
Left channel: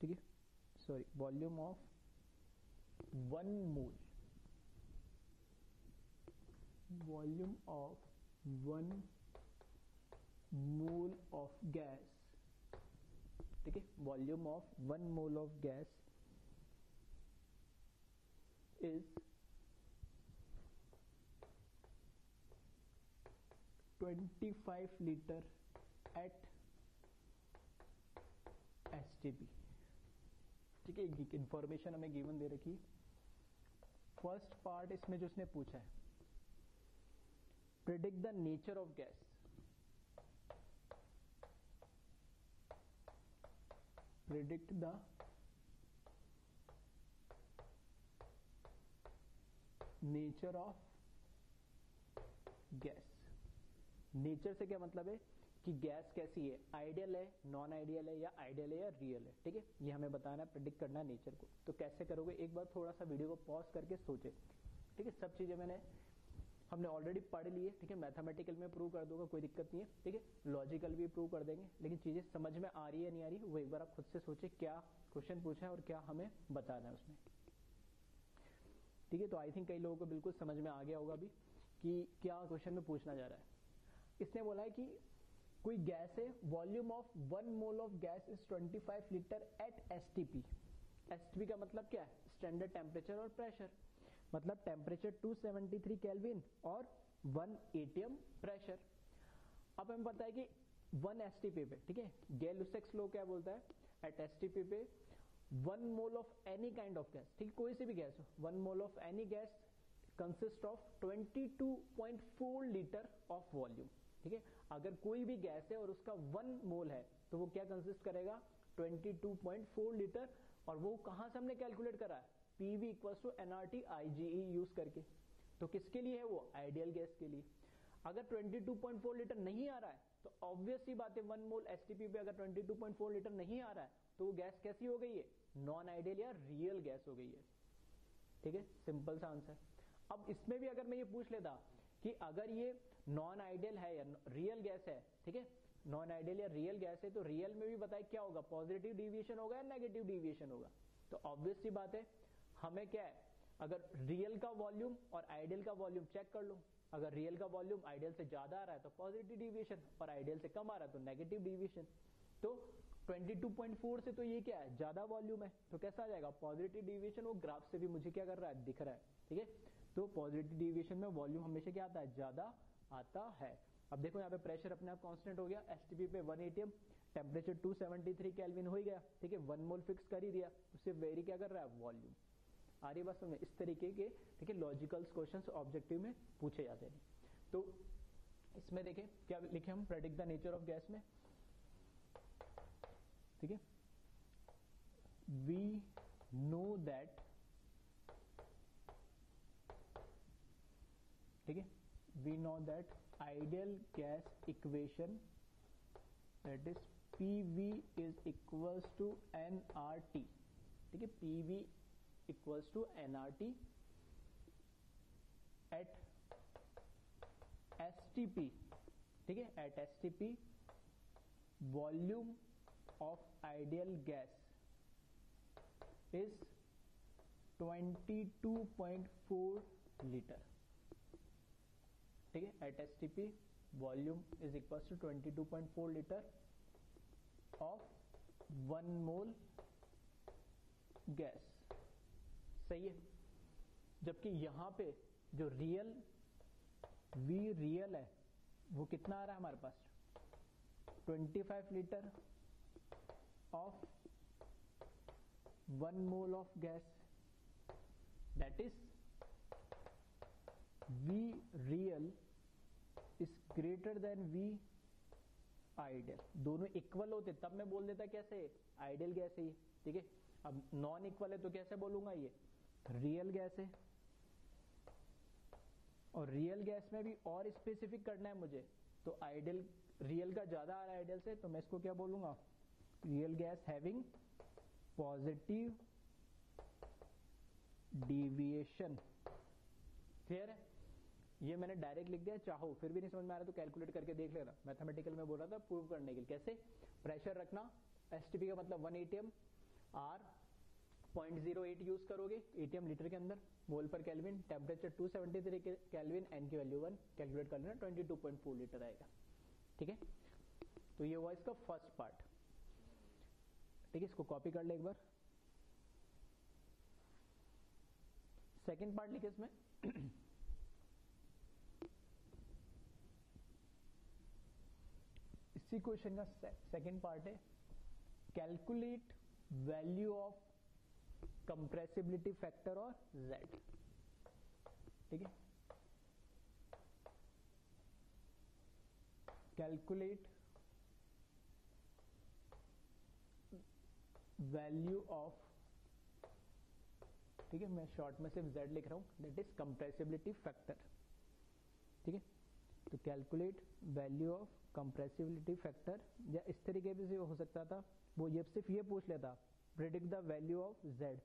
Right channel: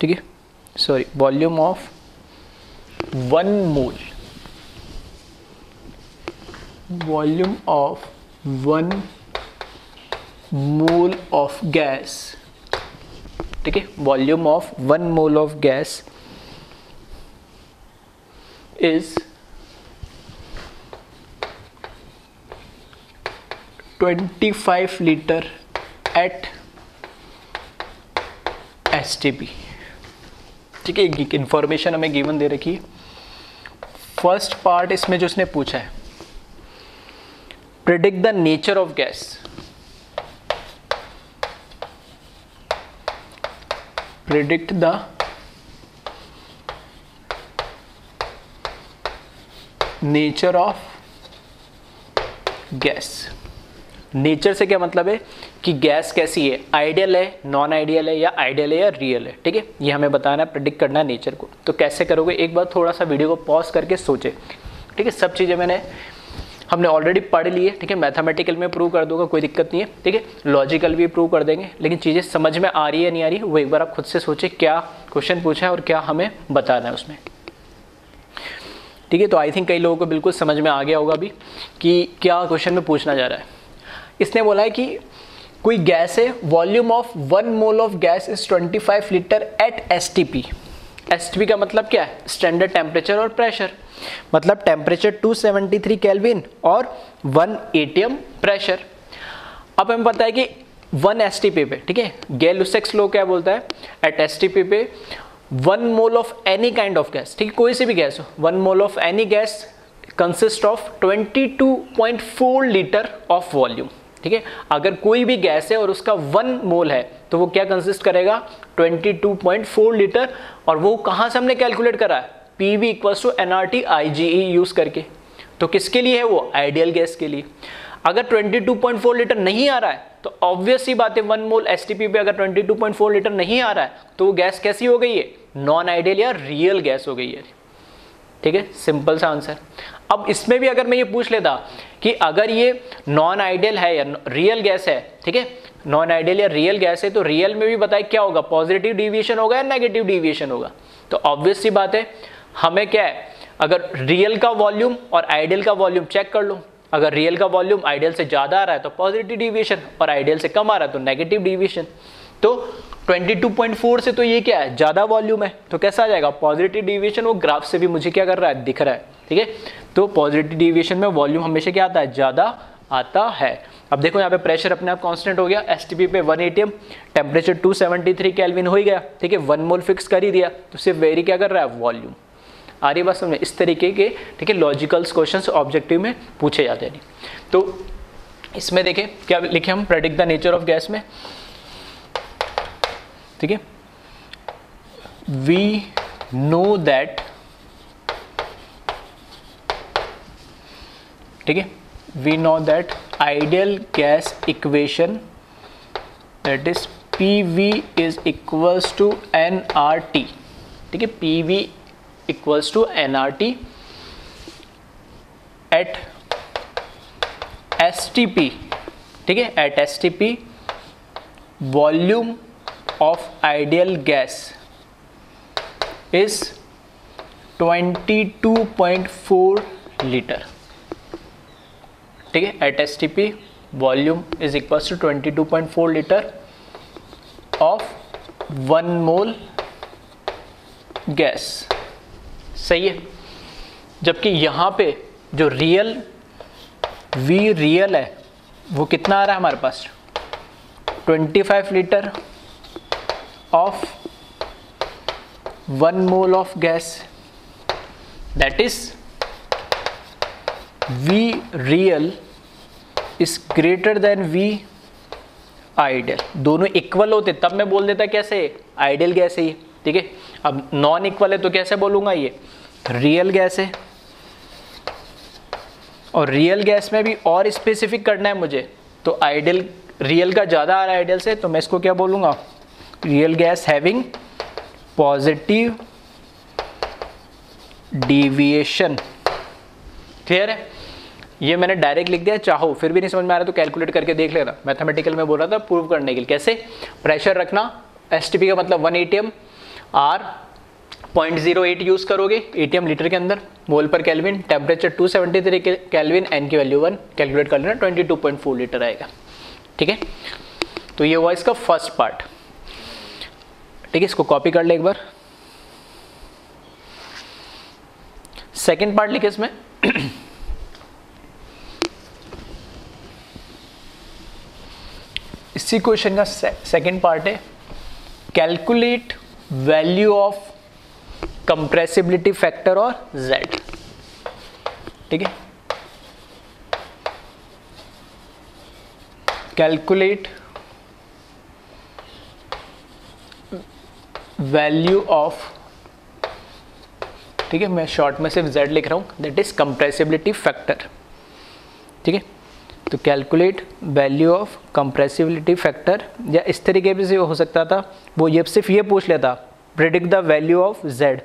ठीक है, sorry, volume of 1 mole, volume of 1 mole of gas, ठीक है, volume of 1 mole of gas is 25 litre at STP। ठीक है, एक इंफॉर्मेशन हमें गिवन दे रखी है। फर्स्ट पार्ट इसमें जो उसने पूछा है, predict the nature of gas, predict the nature of gas. Nature से क्या मतलब है कि गैस कैसी है, आइडियल है, नॉन आइडियल है, या आइडियल है या रियल है, ठीक है, ये हमें बताना है, प्रेडिक्ट करना है नेचर को। तो कैसे करोगे, एक बार थोड़ा सा वीडियो को पॉज करके सोचे, ठीक है। सब चीज़ें हमने ऑलरेडी पढ़ ली है, ठीक है। मैथमेटिकल में प्रूव कर दूंगा, कोई दिक्कत नहीं है, ठीक है। लॉजिकल भी प्रूव कर देंगे, लेकिन चीज़ें समझ में आ रही है नहीं आ रही वो एक बार आप खुद से सोचे क्या क्वेश्चन पूछा है और क्या हमें बताना है उसमें, ठीक है। तो आई थिंक कई लोगों को बिल्कुल समझ में आ गया होगा अभी कि क्या क्वेश्चन में पूछना जा रहा है। इसने बोला है कि कोई गैस है, volume of 1 mole of gas is 25 litre at STP. STP का मतलब क्या है, स्टैंडर्ड टेम्परेचर और प्रेशर, मतलब टेम्परेचर 273 केल्विन और 1 एटीएम प्रेशर। अब हमें पता है कि 1 एसटीपी पे, ठीक है, गैल-लुसेक्स लॉ क्या बोलता है, एट एसटीपी पे 1 mole of any kind of gas, ठीक है, कोई सी भी गैस हो, 1 mole of any gas consist of 22.4 litre of volume, ठीक है। अगर कोई भी गैस है और उसका 1 मोल है तो वो क्या कंसिस्ट करेगा, 22.4 लीटर। और वो कहाँ से हमने कैलकुलेट करा है, PV equals to nRT IgE use करके। तो किसके लिए है वो, आइडियल गैस के लिए। अगर 22.4 लीटर नहीं आ रहा है तो ऑब्वियस ही बात है 1 मोल एसटीपी पे अगर 22.4 लीटर नहीं आ रहा है तो वो गैस कैसी हो गई है, नॉन आइडियल या रियल गैस हो गई है, ठीक है। सिंपल सा आंसर। अब इसमें भी अगर मैं ये पूछ लेता कि अगर ये नॉन आइडियल है या रियल गैस है, ठीक है, नॉन आइडियल या रियल गैस है, तो रियल में भी बताए क्या होगा, पॉजिटिव डिविएशन होगा या नेगेटिव डिविएशन होगा। तो ऑब्वियस सी बात है, हमें क्या है, अगर रियल का वॉल्यूम और आइडियल का वॉल्यूम चेक कर लो, अगर रियल का वॉल्यूम आइडियल से ज़्यादा आ रहा है तो पॉजिटिव डिविएशन, और आइडियल से कम आ रहा है तो नेगेटिव डिविएशन। तो 22.4 से तो ये क्या है, ज़्यादा वॉल्यूम है, तो कैसा आ जाएगा, पॉजिटिव डिविएशन। वो ग्राफ से भी मुझे क्या कर रहा है, दिख रहा है, ठीक है। तो पॉजिटिव डिविएशन में वॉल्यूम हमेशा क्या आता है, ज़्यादा आता है। अब देखो यहाँ पे प्रेशर अपने आप कांस्टेंट हो गया, एसटीपी पे 1 एटीएम, टेम्परेचर 273 केल्विन हो ही गया, ठीक है, 1 मोल फिक्स कर ही दिया, तो सिर्फ वेरी क्या कर रहा है, वॉल्यूम। आ रही बात समझे, इस तरीके के, ठीक है, लॉजिकल्स क्वेश्चंस ऑब्जेक्टिव में पूछे जाते हैं। तो इसमें देखें क्या लिखे हम, predict the nature of gas में, ठीक है, वी नो दैट, ठीक है, we know that ideal gas equation that is PV is equals to nRT, ठीक है, PV equals to nRT at STP, ठीक है, at STP volume of ideal gas is 22.4 litre, ठीक है, at STP volume is equals to 22.4 litre of 1 mole gas. सही है। जबकि यहाँ पे जो रियल V रियल है वो कितना आ रहा है हमारे पास, 25 litre of 1 mole of gas, that is V real is greater then V ideal. दोनों इक्वल होते तब मैं बोल देता कैसे, आइडियल गैस है ये, ठीक है। अब नॉन इक्वल है तो कैसे बोलूंगा, ये रियल गैस है। और रियल गैस में भी और स्पेसिफिक करना है मुझे, तो आइडियल रियल का ज़्यादा आ रहा है आइडियल से, तो मैं इसको क्या बोलूँगा, real gas having positive deviation. Clear है, ये मैंने डायरेक्ट लिख दिया, चाहो फिर भी नहीं समझ में आ रहा तो कैलकुलेट करके देख लेना। मैथमेटिकल में बोल रहा था प्रूव करने के लिए, कैसे, प्रेशर रखना, एसटीपी का मतलब 1 एटीएम, आर 0.08 यूज करोगे, एटीएम लीटर के अंदर, mole per kelvin, temperature 273 kelvin, n की वैल्यू 1, कैलकुलेट कर लेना, 22.4 लीटर आएगा, ठीक है। तो ये हुआ इसका फर्स्ट पार्ट, ठीक है, इसको कॉपी कर ले एक बार। सेकेंड पार्ट लिखे इसमें इसी क्वेश्चन का सेकेंड पार्ट है, calculate value of compressibility factor और Z, ठीक है, कैलकुलेट वैल्यू ऑफ, ठीक है, मैं शॉर्ट में सिर्फ Z लिख रहा हूं, दैट इज कंप्रेसिबिलिटी फैक्टर, ठीक है, तो calculate value of compressibility factor, या इस तरीके भी से हो सकता था, वो ये सिर्फ ये पूछ लेता predict the value of z,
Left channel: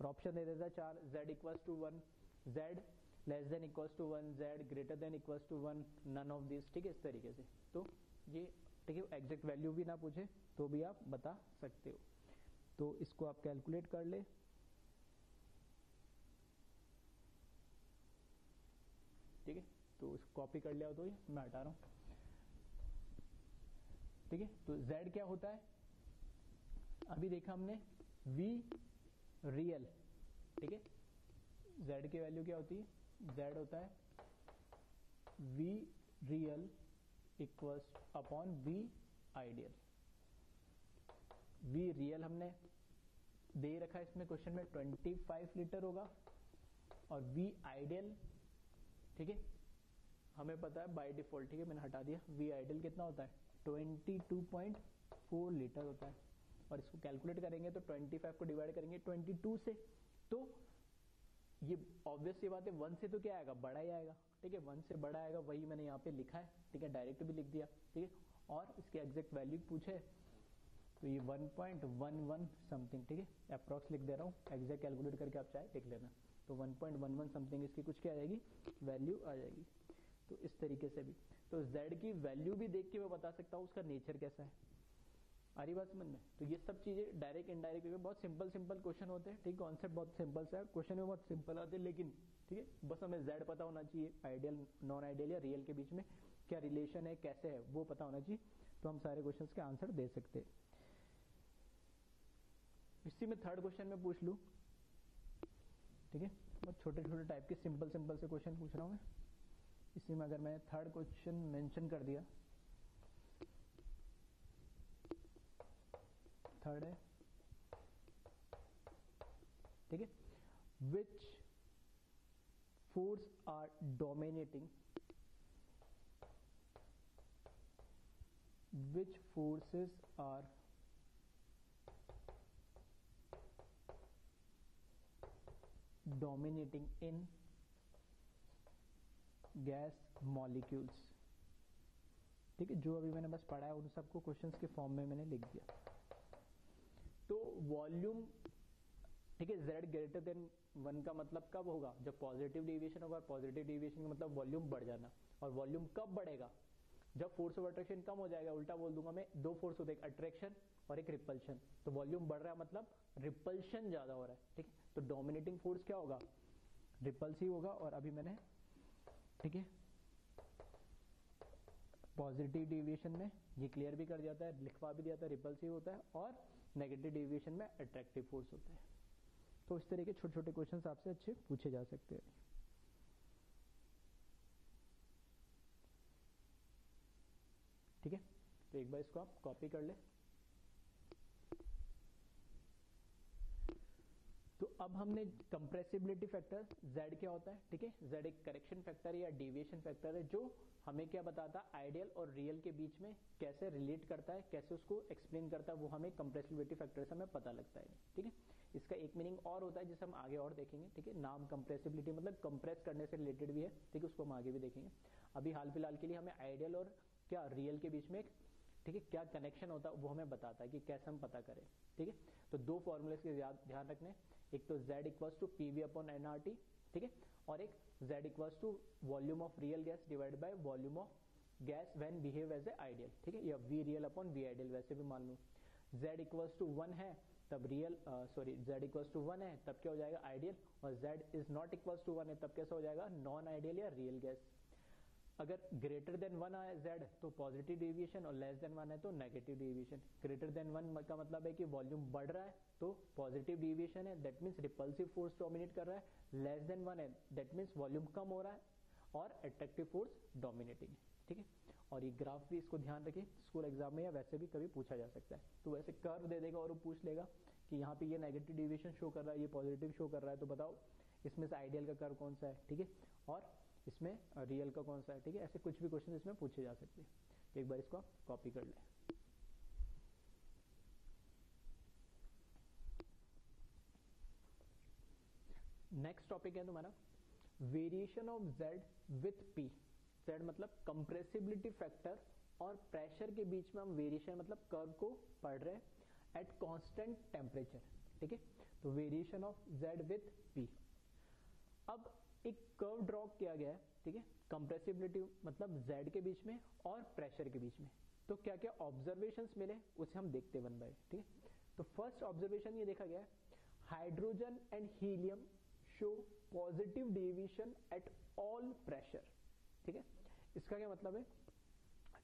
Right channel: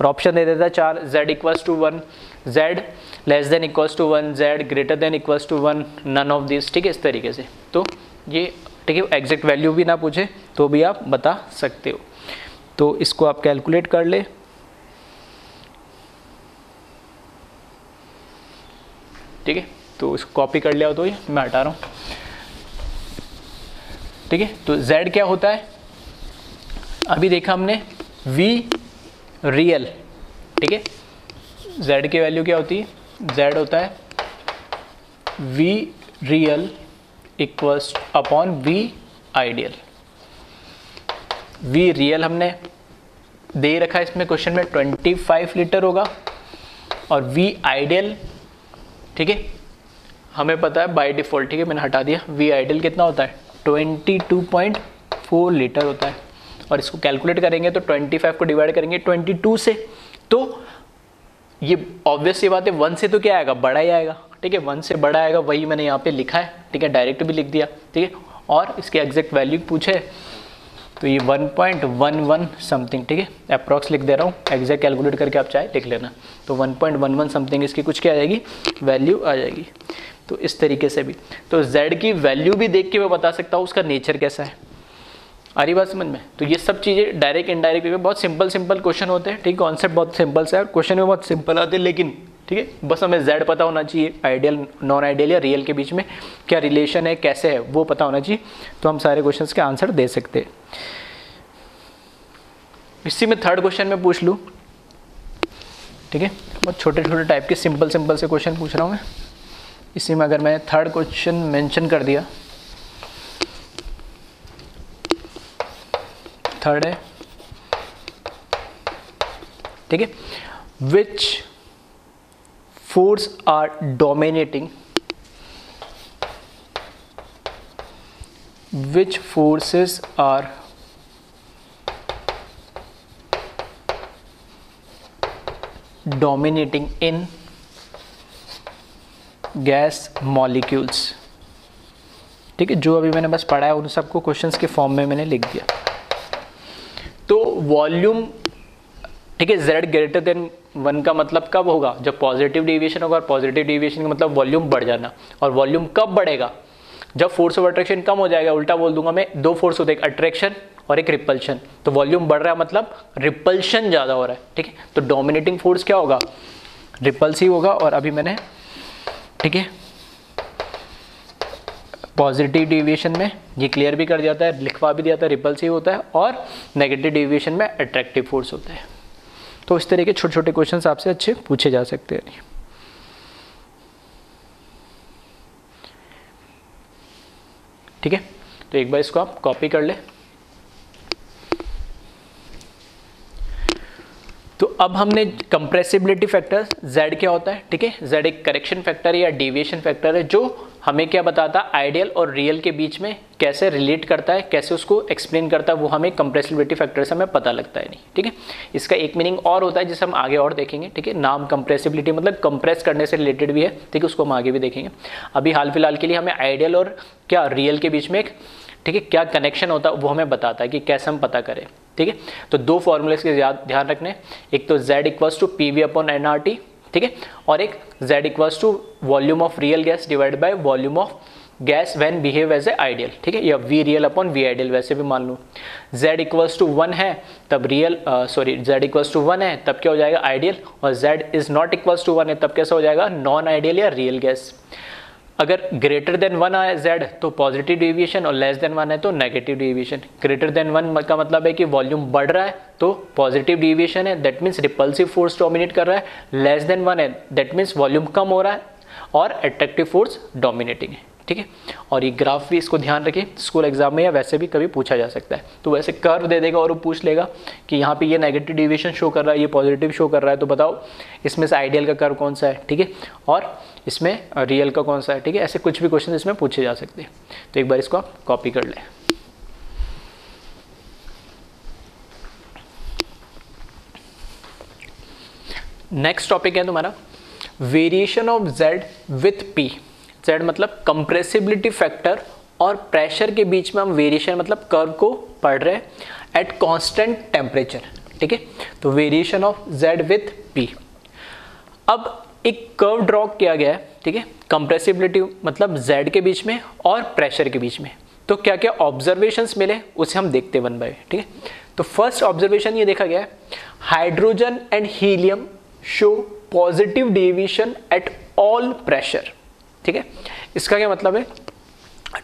और ऑप्शन दे देता 4, z equals to 1, z less than equals to 1, z greater than equals to 1, none of this, ठीक है, इस तरीके से। तो ये ठीक है, एग्जैक्ट वैल्यू भी ना पूछे तो भी आप बता सकते हो। तो इसको आप कैलकुलेट कर ले, ठीक है, तो इसको कॉपी कर लिया हो तो ये मैं हटा रहा हूँ, ठीक है। तो z क्या होता है, अभी देखा हमने v रियल, ठीक है, z की वैल्यू क्या होती है, z होता है v real equals upon v ideal. v real हमने दे रखा है इसमें क्वेश्चन में 25 लीटर होगा, और v आइडियल, ठीक है, हमें पता है बाय डिफॉल्ट, ठीक है, मैंने हटा दिया, v आइडियल कितना होता है 22.4 लीटर होता है। और इसको कैलकुलेट करेंगे तो 25 को डिवाइड करेंगे 22 से, तो ये ऑब्वियस सी बात है 1 से तो क्या आएगा, बड़ा ही आएगा, ठीक है, 1 से बड़ा आएगा, वही मैंने यहाँ पे लिखा है, ठीक है, डायरेक्ट भी लिख दिया, ठीक है। और इसके एग्जैक्ट वैल्यू पूछे तो ये 1.11 समथिंग, ठीक है, अप्रॉक्स लिख दे रहा हूँ, एग्जैक्ट कैलकुलेट करके आप चाहे लिख लेना। तो 1.11 समथिंग इसकी कुछ क्या आ जाएगी, वैल्यू आ जाएगी। तो इस तरीके से भी, तो z की वैल्यू भी देख के मैं बता सकता हूँ उसका नेचर कैसा है, आ रही बात समझ में। तो ये सब चीज़ें डायरेक्ट इनडायरेक्ट बहुत सिंपल क्वेश्चन होते हैं, ठीक है, कॉन्सेप्ट बहुत सिंपल से है, क्वेश्चन में बहुत सिंपल आते हैं, लेकिन ठीक है, बस हमें z पता होना चाहिए, आइडियल नॉन आइडियल या रियल के बीच में क्या रिलेशन है, कैसे है, वो पता होना चाहिए, तो हम सारे क्वेश्चंस के आंसर दे सकते हैं। इसी में थर्ड क्वेश्चन में पूछ लूँ, ठीक है, बहुत छोटे छोटे टाइप के सिंपल से क्वेश्चन पूछ रहा हूँ मैं। इसी में अगर मैंने थर्ड क्वेश्चन मेंशन कर दिया, थर्ड है, ठीक है, which force are dominating, which forces are dominating in gas molecules, ठीक है, जो अभी मैंने बस पढ़ा है उन सबको क्वेश्चंस के फॉर्म में मैंने लिख दिया। तो वॉल्यूम, ठीक है, z ग्रेटर देन 1 का मतलब कब होगा, जब पॉजिटिव डेविएशन होगा, और पॉजिटिव डेविएशन का मतलब वॉल्यूम बढ़ जाना। और वॉल्यूम कब बढ़ेगा, जब फोर्स ऑफ अट्रैक्शन कम हो जाएगा, उल्टा बोल दूंगा मैं, दो फोर्स होते हैं, एक अट्रैक्शन और एक रिपल्शन। तो वॉल्यूम बढ़ रहा है मतलब रिपल्शन ज़्यादा हो रहा है, ठीक है, तो डोमिनेटिंग फोर्स क्या होगा, रिपल्सिव होगा। और अभी मैंने, ठीक है, पॉजिटिव डेविएशन में ये क्लियर भी कर दिया था, लिखवा भी दिया था, रिपल्सिव होता है, और नेगेटिव डेविएशन में अट्रैक्टिव फोर्स होता है। तो इस तरह के छोटे छोटे क्वेश्चंस आपसे अच्छे पूछे जा सकते हैं। ठीक है, तो एक बार इसको आप कॉपी कर ले। तो अब हमने कंप्रेसिबिलिटी फैक्टर z क्या होता है, ठीक है, z एक करेक्शन फैक्टर है या डेविएशन फैक्टर है, जो हमें क्या बताता है, आइडियल और रियल के बीच में कैसे रिलेट करता है, कैसे उसको एक्सप्लेन करता है, वो हमें कंप्रेसिबिलिटी फैक्टर से हमें पता लगता है नहीं, ठीक है। इसका एक मीनिंग और होता है जिसे हम आगे और देखेंगे, ठीक है, नाम कंप्रेसिबिलिटी मतलब कंप्रेस करने से रिलेटेड भी है, ठीक है, उसको हम आगे भी देखेंगे। अभी हाल फिलहाल के लिए हमें आइडियल और क्या रियल के बीच में एक, ठीक है, क्या कनेक्शन होता है वो हमें बताता है कि कैसे हम पता करें, ठीक है। तो दो फॉर्मूलेस के ध्यान रखने, एक तो z equals to PV upon nRT, ठीक है, और एक z equals to volume of real gas divide by volume of gas when behave as a ideal, ठीक है, या v real upon v ideal, वैसे भी मान लो z इक्वल्स टू 1 है तब रियल, z इक्वल्स टू 1 है तब क्या हो जाएगा, आइडियल, और z is not equals to 1 है तब कैसा हो जाएगा, नॉन आइडियल या रियल गैस। अगर ग्रेटर देन 1 है z तो पॉजिटिव डेविएशन, और लेस देन 1 है तो नेगेटिव डेविएशन। ग्रेटर देन 1 का मतलब है कि वॉल्यूम बढ़ रहा है तो पॉजिटिव डेविएशन है, that means repulsive force dominate कर रहा है। लेस देन 1 है दैट मीन्स वॉल्यूम कम हो रहा है और अट्रैक्टिव फोर्स डोमिनेटिंग है, ठीक है। और ये ग्राफ भी इसको ध्यान रखिए, स्कूल एग्जाम में या वैसे भी कभी पूछा जा सकता है। तो वैसे कर्व दे देगा और वो पूछ लेगा कि यहाँ पे ये नेगेटिव डेविएशन शो कर रहा है, ये पॉजिटिव शो कर रहा है, तो बताओ इसमें से आइडियल का कर्व कौन सा है, ठीक है, और इसमें रियल का कौन सा है, ठीक है। ऐसे कुछ भी क्वेश्चन इसमें पूछे जा सकते हैं। तो एक बार इसको आप कॉपी कर लें। नेक्स्ट टॉपिक है तुम्हारा variation of z with p। Z मतलब कंप्रेसिबिलिटी फैक्टर और प्रेशर के बीच में हम वेरिएशन मतलब कर्व को पढ़ रहे हैं एट कांस्टेंट टेम्परेचर, ठीक है। तो variation of Z with P। अब एक कर्व ड्रॉ किया गया है, ठीक है, कंप्रेसिबिलिटी मतलब Z के बीच में और प्रेशर के बीच में। तो क्या क्या ऑब्जर्वेशंस मिले उसे हम देखते वन बाय, ठीक है। तो फर्स्ट ऑब्जर्वेशन ये देखा गया है, hydrogen and helium show positive deviation at all pressure, ठीक है। इसका क्या मतलब है,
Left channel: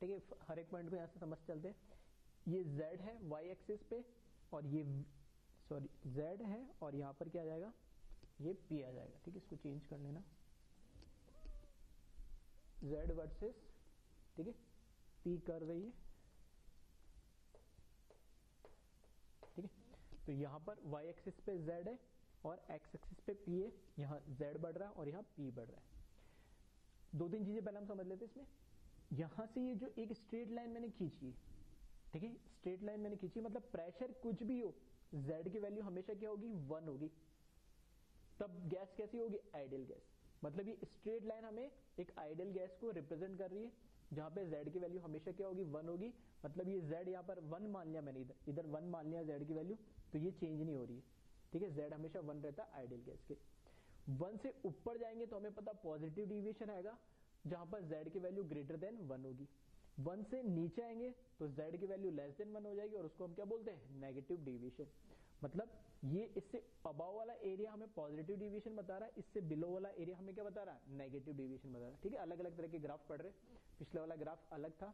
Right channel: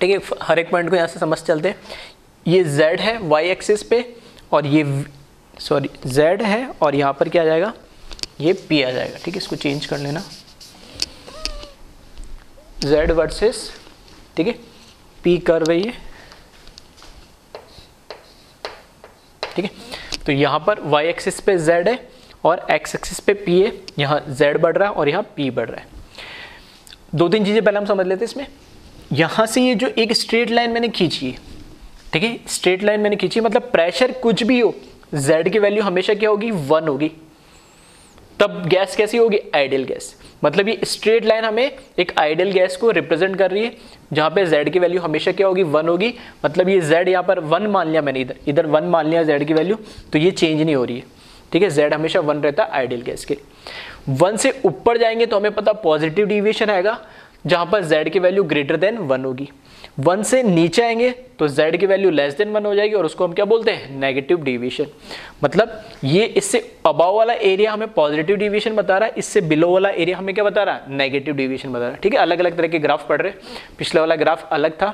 ठीक है, हर एक पॉइंट को यहाँ से समझ चलते हैं। ये Z है वाई एक्सिस पे और ये Z है और यहाँ पर क्या आ जाएगा, ये P आ जाएगा, ठीक है। इसको चेंज कर लेना, Z वर्सेस, ठीक है, P कर्व है ये, ठीक है। तो यहाँ पर वाई एक्सिस पे Z है और एक्स एक्सिस पे P है, यहाँ Z बढ़ रहा है और यहाँ P बढ़ रहा है। दो तीन चीजें पहले हम समझ लेते हैं इसमें। यहाँ से ये जो एक स्ट्रेट लाइन मैंने खींची है, ठीक है, स्ट्रेट लाइन मैंने खींची मतलब प्रेशर कुछ भी हो Z की वैल्यू हमेशा क्या होगी, 1 होगी। तब गैस कैसी होगी, आइडियल गैस। मतलब ये स्ट्रेट लाइन हमें एक आइडियल गैस को रिप्रेजेंट कर रही है, जहां पे Z की वैल्यू हमेशा क्या होगी, 1 होगी। मतलब ये Z यहाँ पर 1 मान लिया मैंने, इधर 1 मान लिया Z की वैल्यू, तो ये चेंज नहीं हो रही है, ठीक है। Z हमेशा 1 रहता है आइडियल गैस के। 1 से ऊपर जाएंगे तो हमें पता पॉजिटिव डिविएशन आएगा, जहां पर Z की वैल्यू ग्रेटर देन 1 होगी। 1 से नीचे आएंगे तो Z की वैल्यू लेस देन 1 हो जाएगी और उसको हम क्या बोलते हैं, नेगेटिव डिविएशन। मतलब ये इससे अबाव वाला एरिया हमें पॉजिटिव डिविएशन बता रहा है, इससे बिलो वाला एरिया हमें क्या बता रहा है, नेगेटिव डिविएशन बता रहा है, ठीक है। अलग अलग तरह के ग्राफ पढ़ रहे, पिछला वाला ग्राफ अलग था,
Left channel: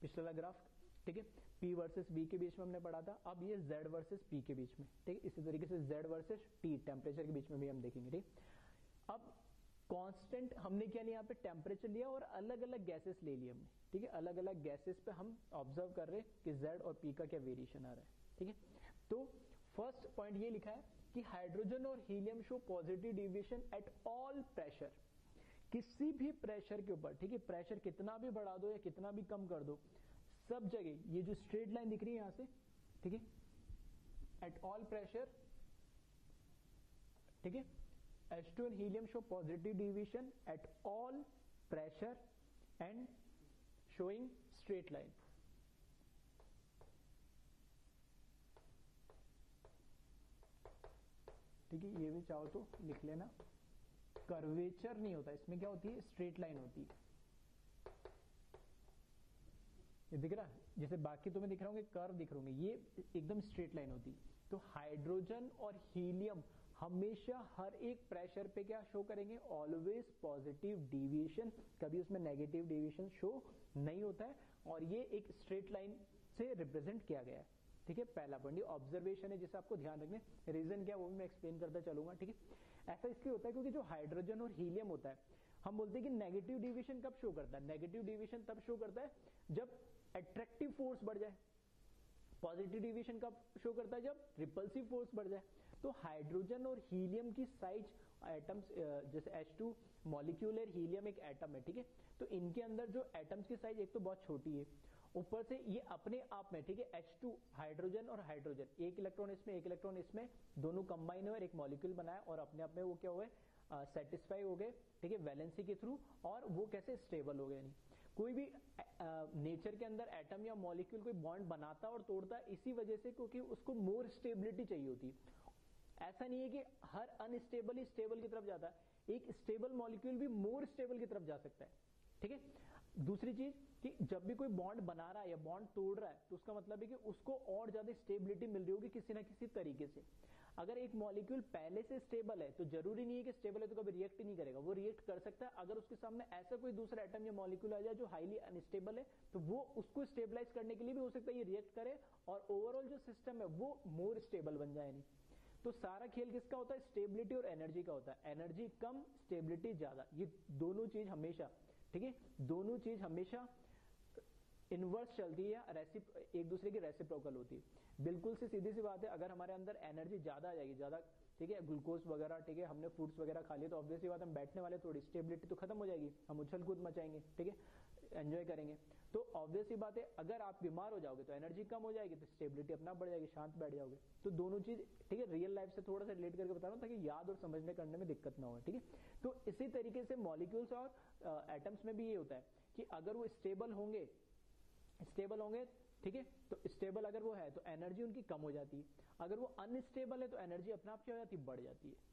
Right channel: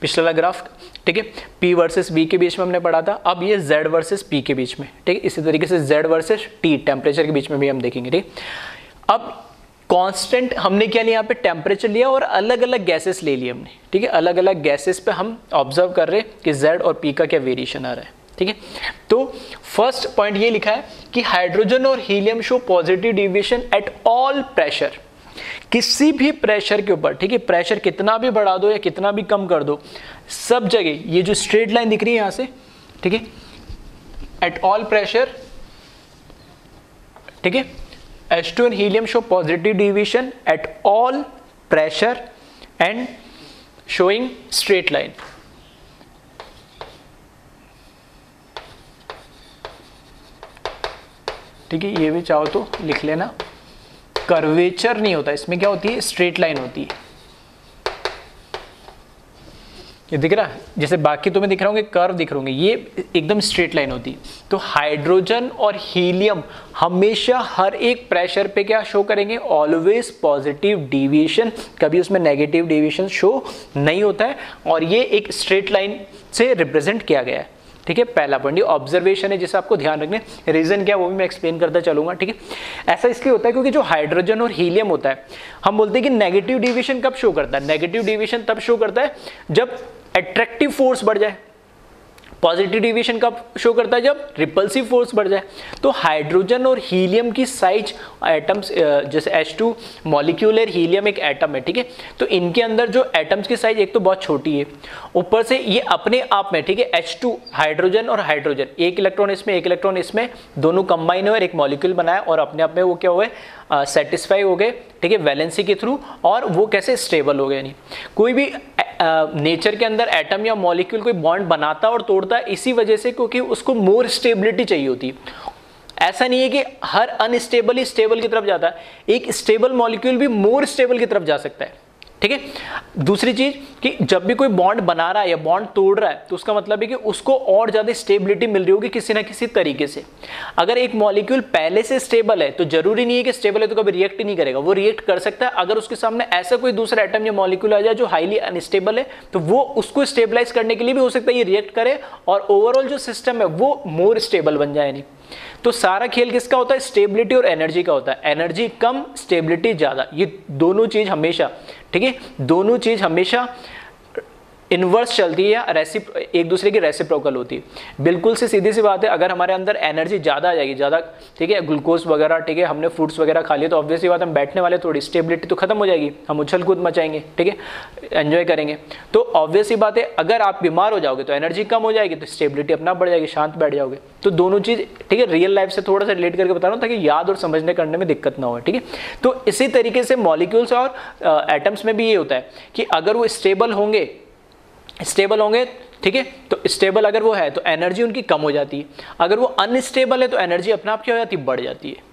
पिछला वाला ग्राफ, ठीक है, P वर्सेस B के बीच में हमने पढ़ा था। अब ये Z वर्सेस P के बीच में, ठीक है। इसी तरीके से Z वर्सेस T टेम्परेचर के बीच में भी हम देखेंगे, ठीक। अब कांस्टेंट हमने क्या लिया, यहाँ पे टेम्परेचर लिया और अलग अलग गैसेस ले लिए हमने, ठीक है। अलग अलग गैसेस पे हम ऑब्जर्व कर रहे हैं कि Z और P का क्या वेरिएशन आ रहा है, ठीक है। तो फर्स्ट पॉइंट ये लिखा है कि हाइड्रोजन और helium show positive deviation at all pressure, किसी भी प्रेशर के ऊपर, ठीक है। प्रेशर कितना भी बढ़ा दो या कितना भी कम कर दो, सब जगह ये जो स्ट्रेट लाइन दिख रही है यहाँ से, ठीक है, एट ऑल प्रेशर, ठीक है, H2 and helium show positive deviation at all pressure and showing straight line. ठीक है, ये भी चाहो तो लिख लेना। कर्वेचर नहीं होता इसमें, क्या होती है, स्ट्रेट लाइन होती है। ये दिख रहा है, जैसे बाकी तुम्हें दिख रहा होंगे कर्व दिख रहे होंगे, ये एकदम स्ट्रेट लाइन होती है। तो हाइड्रोजन और हीलियम हमेशा हर एक प्रेशर पे क्या शो करेंगे, ऑलवेज पॉजिटिव डिविएशन, कभी उसमें नेगेटिव डिविएशन शो नहीं होता है। और ये एक स्ट्रेट लाइन से रिप्रेजेंट किया गया है, ठीक है। पहला पॉइंट ये ऑब्जर्वेशन है जिसे आपको ध्यान रखना है, रीजन क्या वो भी मैं एक्सप्लेन करता चलूंगा, ठीक है। ऐसा इसलिए होता है क्योंकि जो हाइड्रोजन और हीलियम होता है, हम बोलते हैं कि नेगेटिव डिविएशन कब शो करता है, नेगेटिव डिविएशन तब शो करता है जब अट्रैक्टिव फोर्स बढ़ जाए। पॉजिटिव डिविएशन कब शो करता है, जब रिपल्सिव फोर्स बढ़ जाए। तो हाइड्रोजन और हीलियम की साइज एटम्स, जैसे H2 मॉलिक्यूल है, हीलियम एक एटम है, ठीक है। तो इनके अंदर जो एटम्स की साइज एक तो बहुत छोटी है, ऊपर से ये अपने आप में, ठीक है, H2 हाइड्रोजन और हाइड्रोजन, एक इलेक्ट्रॉन इसमें एक इलेक्ट्रॉन इसमें, दोनों कंबाइन हुए एक मॉलिक्यूल बनाया और अपने आप में वो क्या हुए, सेटिस्फाई हो गए, ठीक है, वैलेंसी के थ्रू। और वो कैसे, स्टेबल हो गए। नहीं, कोई भी नेचर के अंदर एटम या मॉलिक्यूल कोई बॉन्ड बनाता और तोड़ता है इसी वजह से, क्योंकि उसको मोर स्टेबिलिटी चाहिए होती है। ऐसा नहीं है कि हर अनस्टेबल ही स्टेबल की तरफ जाता है, एक स्टेबल मॉलिक्यूल भी मोर स्टेबल की तरफ जा सकता है, ठीक है। दूसरी चीज कि जब भी कोई बॉन्ड बना रहा है या बॉन्ड तोड़ रहा है तो उसका मतलब है कि उसको और ज्यादा स्टेबिलिटी मिल रही होगी किसी ना किसी तरीके से। अगर एक मॉलिक्यूल पहले से स्टेबल है तो जरूरी नहीं है कि स्टेबल है तो कभी रिएक्ट ही नहीं करेगा, वो रिएक्ट कर सकता है। अगर उसके सामने ऐसा कोई दूसरा एटम या मॉलिक्यूल आ जाए जो हाईली अनस्टेबल है तो वो उसको स्टेबलाइज करने के लिए भी हो सकता है ये रिएक्ट करे और ओवरऑल जो सिस्टम है वो मोर स्टेबल बन जाए। नहीं, तो सारा खेल किसका होता है, स्टेबिलिटी और एनर्जी का होता है। एनर्जी कम, स्टेबिलिटी ज्यादा, ये दोनों चीज हमेशा, ठीक है, दोनों चीज हमेशा इनवर्स चलती है या एक दूसरे की रेसिप्रोकल होती है। बिल्कुल से सीधी सी बात है, अगर हमारे अंदर एनर्जी ज़्यादा आ जाएगी, ज़्यादा ठीक है, ग्लूकोज वगैरह ठीक है, हमने फ्रूट्स वगैरह खा लिए, तो ऑब्वियस सी बात हम बैठने वाले, थोड़ी स्टेबिलिटी तो खत्म हो जाएगी, हम उछल कूद मचाएंगे, ठीक है, एंजॉय करेंगे। तो ऑब्वियस सी बात है, अगर आप बीमार हो जाओगे तो एनर्जी कम हो जाएगी, तो स्टेबिलिटी अपना बढ़ जाएगी, शांत बैठ जाओगे। तो दोनों चीज़ ठीक है, रियल लाइफ से थोड़ा सा रिलेट करके बता रहा हूँ ताकि याद और समझने करने में दिक्कत ना हो, ठीक है। तो इसी तरीके से मॉलिक्यूल्स और एटम्स में भी ये होता है कि अगर वो स्टेबल होंगे ठीक है, तो स्टेबल अगर वो है तो एनर्जी उनकी कम हो जाती है, अगर वो अनस्टेबल है तो एनर्जी अपने आप क्या हो जाती है, बढ़ जाती है।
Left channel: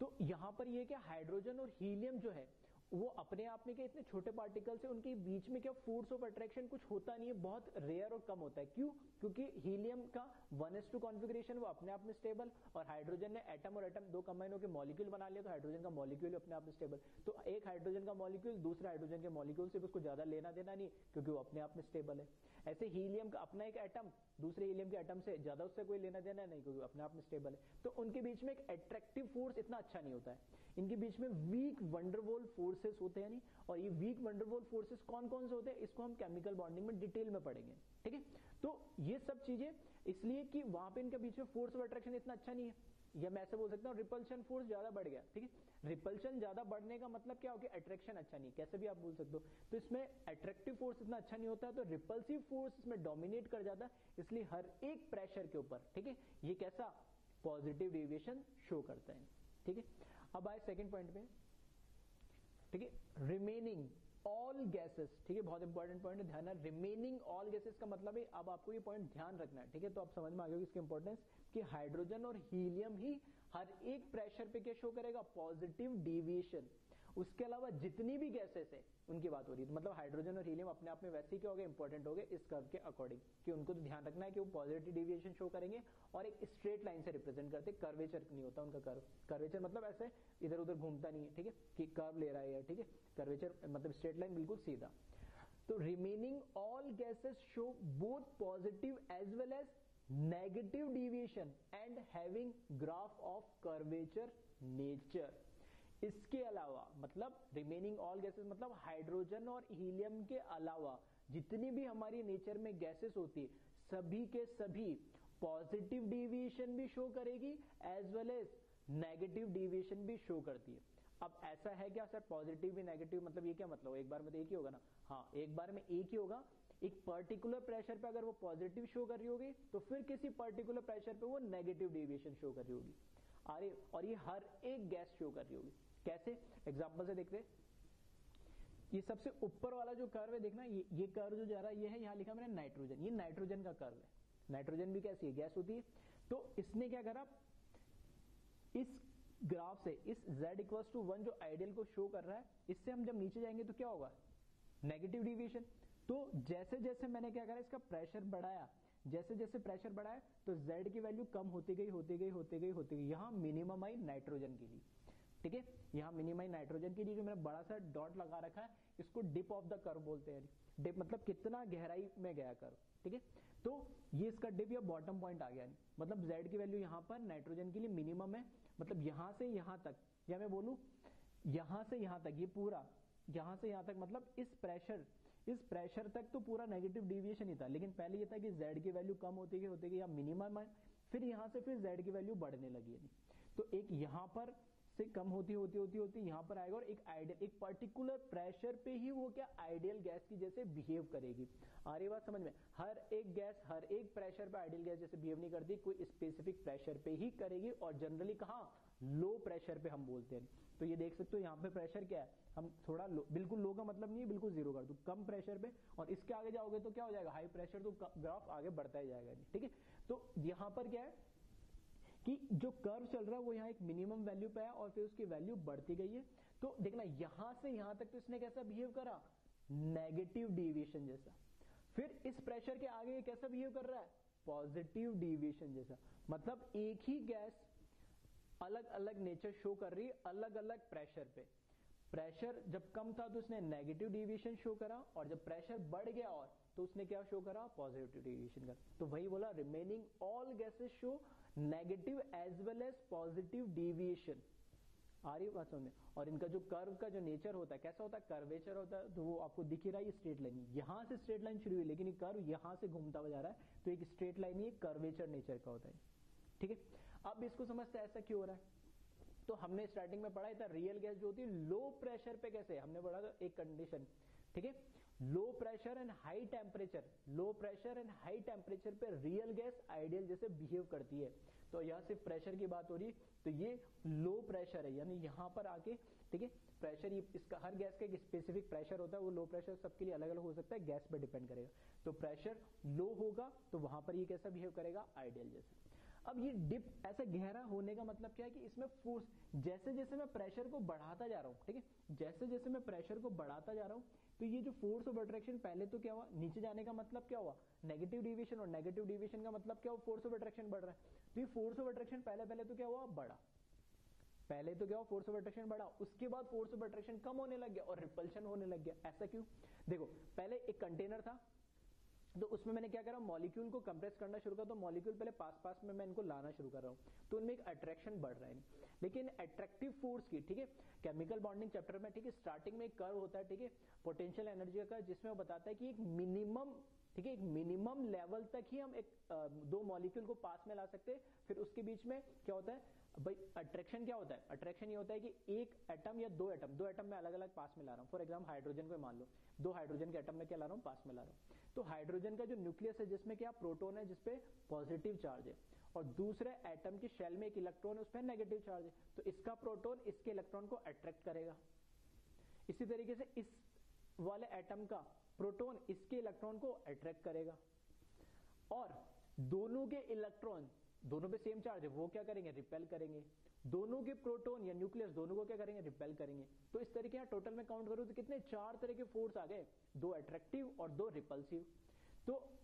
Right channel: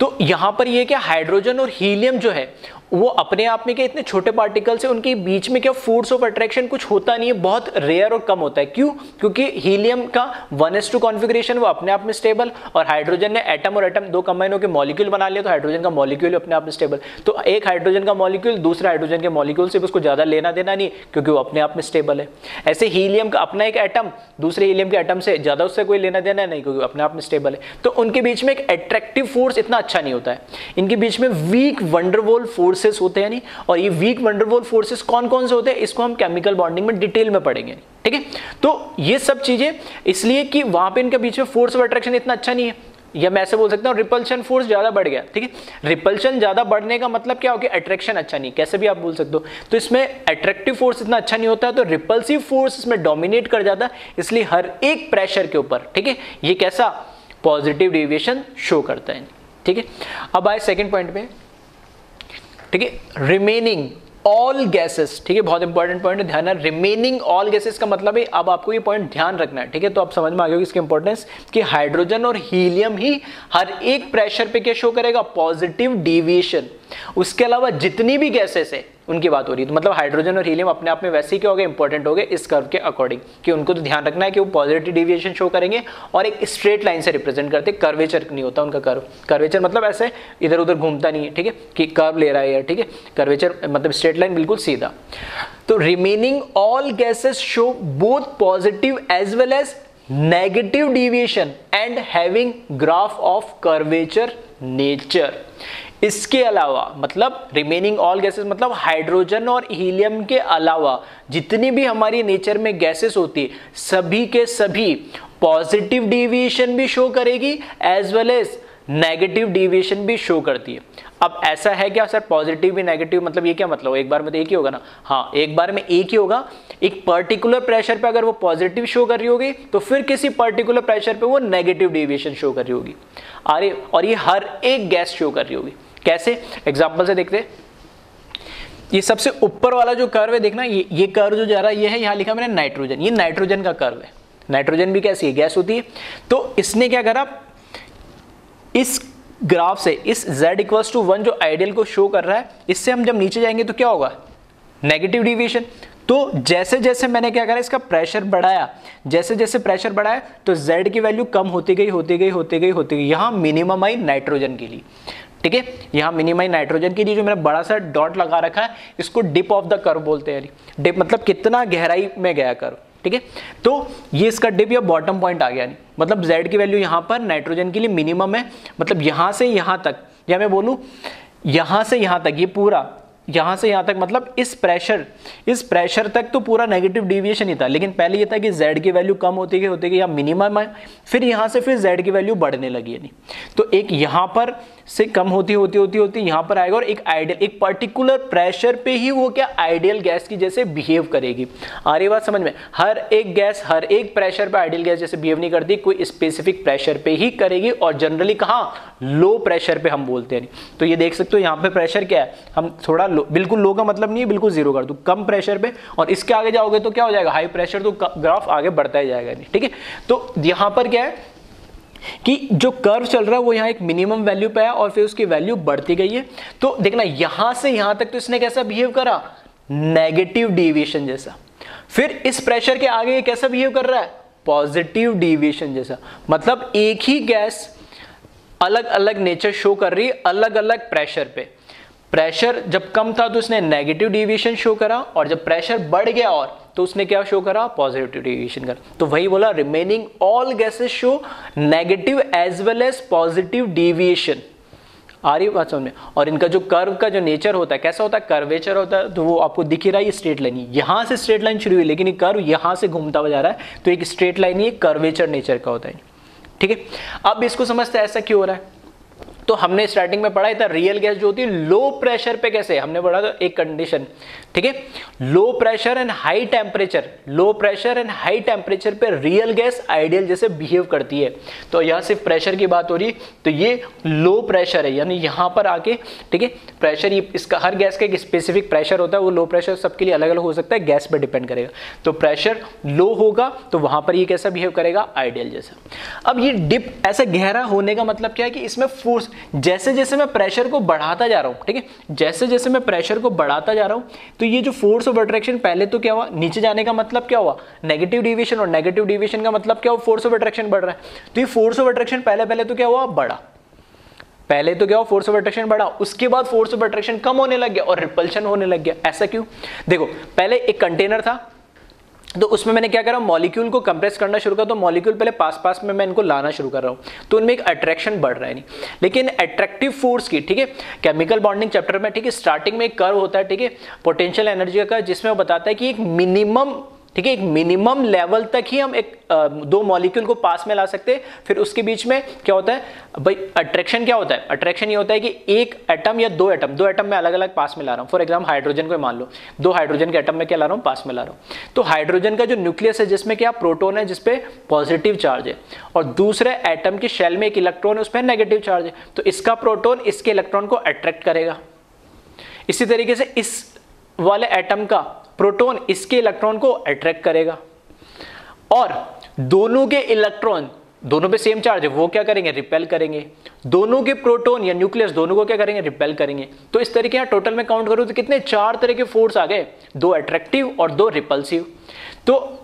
तो यहां पर ये क्या, हाइड्रोजन और हीलियम जो है वो अपने आप में क्या इतने छोटे पार्टिकल्स है, उनके बीच में क्या फोर्स ऑफ अट्रैक्शन कुछ होता नहीं है, बहुत रेयर और कम होता है। क्यों? क्योंकि हीलियम का 1s2 कॉन्फ़िगरेशन वो अपने आप में स्टेबल, और हाइड्रोजन ने एटम और एटम दो कंबाइन होकर मॉलिक्यूल बना लिया, तो हाइड्रोजन का मॉलिक्यूल अपने आप में स्टेबल। तो एक हाइड्रोजन का मॉलिक्यूल दूसरे हाइड्रोजन के मॉलिक्यूल से उसको ज्यादा लेना देना नहीं, क्योंकि वो अपने आप में स्टेबल है। ऐसे हीलियम का अपना एक एटम दूसरे हीलियम के एटम से ज्यादा उससे कोई लेना देना नहीं, क्योंकि अपने आप में स्टेबल है। तो उनके बीच में एक अट्रैक्टिव फोर्स इतना अच्छा नहीं होता है, इनके बीच में वीक वंडरवॉल फोर्सेस होते हैं नहीं। और ये वीक वंडरवॉल फोर्सेस कौन कौन से होते हैं, इसको हम केमिकल बॉन्डिंग में डिटेल में पढ़ेंगे, ठीक है। तो ये सब चीजें इसलिए कि वहां पे इनके बीच में फोर्स ऑफ अट्रैक्शन इतना अच्छा नहीं है, या मैं ऐसे बोल सकता हूं रिपल्शन फोर्स ज्यादा बढ़ गया, ठीक है। रिपल्शन ज्यादा बढ़ने का मतलब क्या हो गया, अट्रैक्शन अच्छा नहीं, कैसे भी आप बोल सकते हो। तो इसमें अट्रैक्टिव फोर्स इतना अच्छा नहीं होता, तो रिपल्सिव फोर्स इसमें डोमिनेट कर जाता, इसलिए हर एक प्रेशर के ऊपर, ठीक है, ये कैसा पॉजिटिव डेविएशन शो करता है, ठीक है। अब आए सेकेंड पॉइंट पे, ठीक है, रिमेनिंग ऑल गैसेस, ठीक है, बहुत इंपॉर्टेंट पॉइंट है, ध्यान है। रिमेनिंग ऑल गैसेस का मतलब है, अब आपको ये पॉइंट ध्यान रखना है, ठीक है। तो आप समझ में आ गए इसकी इंपॉर्टेंस कि हाइड्रोजन और हीलियम ही हर एक प्रेशर पे क्या शो करेगा, पॉजिटिव डेविएशन। उसके अलावा जितनी भी गैसेस है उनकी बात हो रही है, तो मतलब हाइड्रोजन और हीलियम अपने आप में वैसे ही क्या हो गए, इंपॉर्टेंट हो गए इस कर्व के अकॉर्डिंग, कि उनको तो ध्यान रखना है कि वो पॉजिटिव डेविएशन शो करेंगे और एक स्ट्रेट लाइन से रिप्रेजेंट करते, कर्वेचर नहीं होता उनका कर्व। कर्वेचर मतलब ऐसे इधर उधर घूमता नहीं है, ठीक है, कि कर्व ले रहा है, ठीक है। कर्वेचर मतलब स्ट्रेट लाइन, बिल्कुल सीधा। तो remaining all gases show both positive as well as negative deviation and having graph of curvature nature. इसके अलावा मतलब रिमेनिंग ऑल गैसेस मतलब हाइड्रोजन और हीलियम के अलावा जितनी भी हमारी नेचर में गैसेस होती है, सभी के सभी पॉजिटिव डेविएशन भी शो करेगी as well as negative deviation भी शो करती है। अब ऐसा है क्या सर, पॉजिटिव भी नेगेटिव, मतलब ये क्या मतलब, एक बार में तो एक ही होगा ना? हाँ, एक बार में एक ही होगा। एक पर्टिकुलर प्रेशर पे अगर वो पॉजिटिव शो कर रही होगी तो फिर किसी पर्टिकुलर प्रेशर पे वो नेगेटिव डेविएशन शो कर रही होगी। अरे, और ये हर एक गैस शो कर रही होगी। कैसे? एग्जांपल से देखते हैं। ये सबसे ऊपर वाला जो कर्व है देखना, ये कर्व जो जा रहा है ये है, यहाँ लिखा मैंने नाइट्रोजन, ये नाइट्रोजन का कर्व है। नाइट्रोजन भी कैसी है, गैस होती है। तो इसने क्या करा, इस ग्राफ से इस z = 1 जो आइडियल को शो कर रहा है, इससे हम जब नीचे जाएंगे तो क्या होगा, नेगेटिव डेविएशन। तो जैसे जैसे मैंने क्या करा, इसका प्रेशर बढ़ाया, जैसे जैसे प्रेशर बढ़ाया तो z की वैल्यू कम होती गई। यहाँ मिनिमम आई नाइट्रोजन के लिए, ठीक है, यहाँ मिनिमम नाइट्रोजन के लिए जो मैंने बड़ा सा डॉट लगा रखा है, इसको डिप ऑफ द कर्व बोलते हैं। डिप मतलब कितना गहराई में गया कर्व, ठीक है। तो ये इसका डिप या बॉटम पॉइंट आ गया, नहीं मतलब z की वैल्यू यहाँ पर नाइट्रोजन के लिए मिनिमम है, मतलब यहाँ से यहाँ तक, या मैं बोलूँ यहाँ से यहाँ तक, ये पूरा यहाँ से यहाँ तक, मतलब इस प्रेशर तक तो पूरा नेगेटिव डेविएशन ही था। लेकिन पहले ये था कि z की वैल्यू कम होती गई या मिनिमम है, फिर यहाँ से फिर z की वैल्यू बढ़ने लगी है। नहीं तो एक यहाँ पर से कम होती यहाँ पर आएगा, और एक आइडियल, एक पर्टिकुलर प्रेशर पे ही वो क्या आइडियल गैस की जैसे बिहेव करेगी। आ रही बात समझ में? हर एक गैस हर एक प्रेशर पे आइडियल गैस जैसे बिहेव नहीं करती, कोई स्पेसिफिक प्रेशर पे ही करेगी, और जनरली कहाँ, लो प्रेशर पे हम बोलते हैं। तो ये देख सकते हो यहाँ पे प्रेशर क्या है, हम थोड़ा लो, बिल्कुल लो का मतलब नहीं है बिल्कुल जीरो कर दूं, कम प्रेशर पे, और इसके आगे जाओगे तो क्या हो जाएगा, हाई प्रेशर, तो ग्राफ आगे बढ़ता ही जाएगा। नहीं, ठीक है। तो यहाँ पर क्या है कि जो कर्व चल रहा है वो यहाँ एक मिनिमम वैल्यू पे है और फिर उसकी वैल्यू बढ़ती गई है। तो देखना यहां से यहां तक तो इसने कैसा बिहेव करा, नेगेटिव डेविएशन जैसा। फिर इस प्रेशर के आगे ये कैसा बिहेव कर रहा है, पॉजिटिव डेविएशन जैसा। मतलब एक ही गैस अलग अलग नेचर शो कर रही है अलग अलग प्रेशर पे। प्रेशर जब कम था तो उसने नेगेटिव डेविएशन शो करा, और जब प्रेशर बढ़ गया और तो उसने क्या शो करा, पॉजिटिव डेविएशन करा। तो वही बोला, remaining all gases show negative as well as positive deviation. आ रही बात समझ में। और इनका जो कर्व का जो नेचर होता है कैसा होता है, कर्वेचर होता है, तो वो आपको दिख ही रहा है, ये स्ट्रेट लाइन, यहाँ से स्ट्रेट लाइन शुरू हुई लेकिन ये कर्व यहाँ से घूमता हुआ जा रहा है, तो एक स्ट्रेट लाइन ही कर्वेचर नेचर का होता है। ठीक है, अब इसको समझते हैं ऐसा क्यों हो रहा है। तो हमने स्टार्टिंग में पढ़ा था रियल गैस जो होती है लो प्रेशर पे कैसे, हमने पढ़ा था एक कंडीशन, ठीक है, low pressure and high temperature, low pressure and high temperature पे रियल गैस आइडियल जैसे बिहेव करती है। तो यहाँ सिर्फ प्रेशर की बात हो रही है, तो ये लो प्रेशर है, यानी यहाँ पर आके, ठीक है, प्रेशर ये इसका हर गैस का एक स्पेसिफिक प्रेशर होता है, वो लो प्रेशर सबके लिए अलग अलग हो सकता है, गैस पर डिपेंड करेगा। तो प्रेशर लो होगा तो वहां पर ये कैसा बिहेव करेगा, आइडियल जैसा। अब ये डिप ऐसा गहरा होने का मतलब क्या है कि इसमें फोर्स, जैसे जैसे मैं प्रेशर को बढ़ाता जा रहा हूं, ठीक है, जैसे जैसे मैं प्रेशर को बढ़ाता जा रहा हूं, तो ये जो फोर्स ऑफ अट्रैक्शन पहले तो क्या हुआ, नीचे जाने का मतलब क्या हुआ, नेगेटिव डिविएशन, और नेगेटिव डिविएशन का मतलब क्या हुआ, फोर्स ऑफ अट्रैक्शन बढ़ रहा है। तो ये फोर्स ऑफ अट्रैक्शन पहले तो क्या हुआ, बढ़ा, पहले तो क्या हुआ, फोर्स ऑफ अट्रैक्शन बढ़ा, उसके बाद फोर्स ऑफ अट्रैक्शन कम होने लग गया और रिपल्शन होने लग गया। ऐसा क्यों, देखो पहले एक कंटेनर था, तो उसमें मैंने क्या करा, मॉलिक्यूल को कंप्रेस करना शुरू करा, तो मॉलिक्यूल पहले पास में मैं इनको लाना शुरू कर रहा हूं, तो उनमें एक अट्रैक्शन बढ़ रहा है नहीं, लेकिन अट्रैक्टिव फोर्स की, ठीक है, केमिकल बॉन्डिंग चैप्टर में, ठीक है, स्टार्टिंग में एक कर्व होता है, ठीक है, पोटेंशियल एनर्जी का, जिसमें वो बताता है कि एक मिनिमम, ठीक है, एक मिनिमम लेवल तक ही हम एक दो मॉलिक्यूल को पास में ला सकते हैं, फिर उसके बीच में क्या होता है भाई, अट्रैक्शन क्या होता है, अट्रैक्शन ये होता है कि एक एटम या दो एटम में अलग अलग पास में ला रहा हूं। फॉर एग्जाम्पल हाइड्रोजन को मान लो, दो हाइड्रोजन के एटम में क्या ला रहा हूं, पास में ला रहा हूं। तो हाइड्रोजन का जो न्यूक्लियस है जिसमें क्या प्रोटॉन है, जिसपे पॉजिटिव चार्ज है, और दूसरे एटम की शेल में एक इलेक्ट्रॉन है, उस पर नेगेटिव चार्ज है, तो इसका प्रोटॉन इसके इलेक्ट्रॉन को अट्रैक्ट करेगा। इसी तरीके से इस वाले एटम का प्रोटॉन इसके इलेक्ट्रॉन को अट्रैक्ट करेगा, और दोनों के इलेक्ट्रॉन, दोनों पे सेम चार्ज है, वो क्या करेंगे, रिपेल करेंगे। दोनों के प्रोटॉन या न्यूक्लियस दोनों को क्या करेंगे, रिपेल करेंगे। तो इस तरीके यहाँ टोटल में काउंट करूं तो कितने, चार तरह के फोर्स आ गए, दो अट्रैक्टिव और दो रिपल्सिव। तो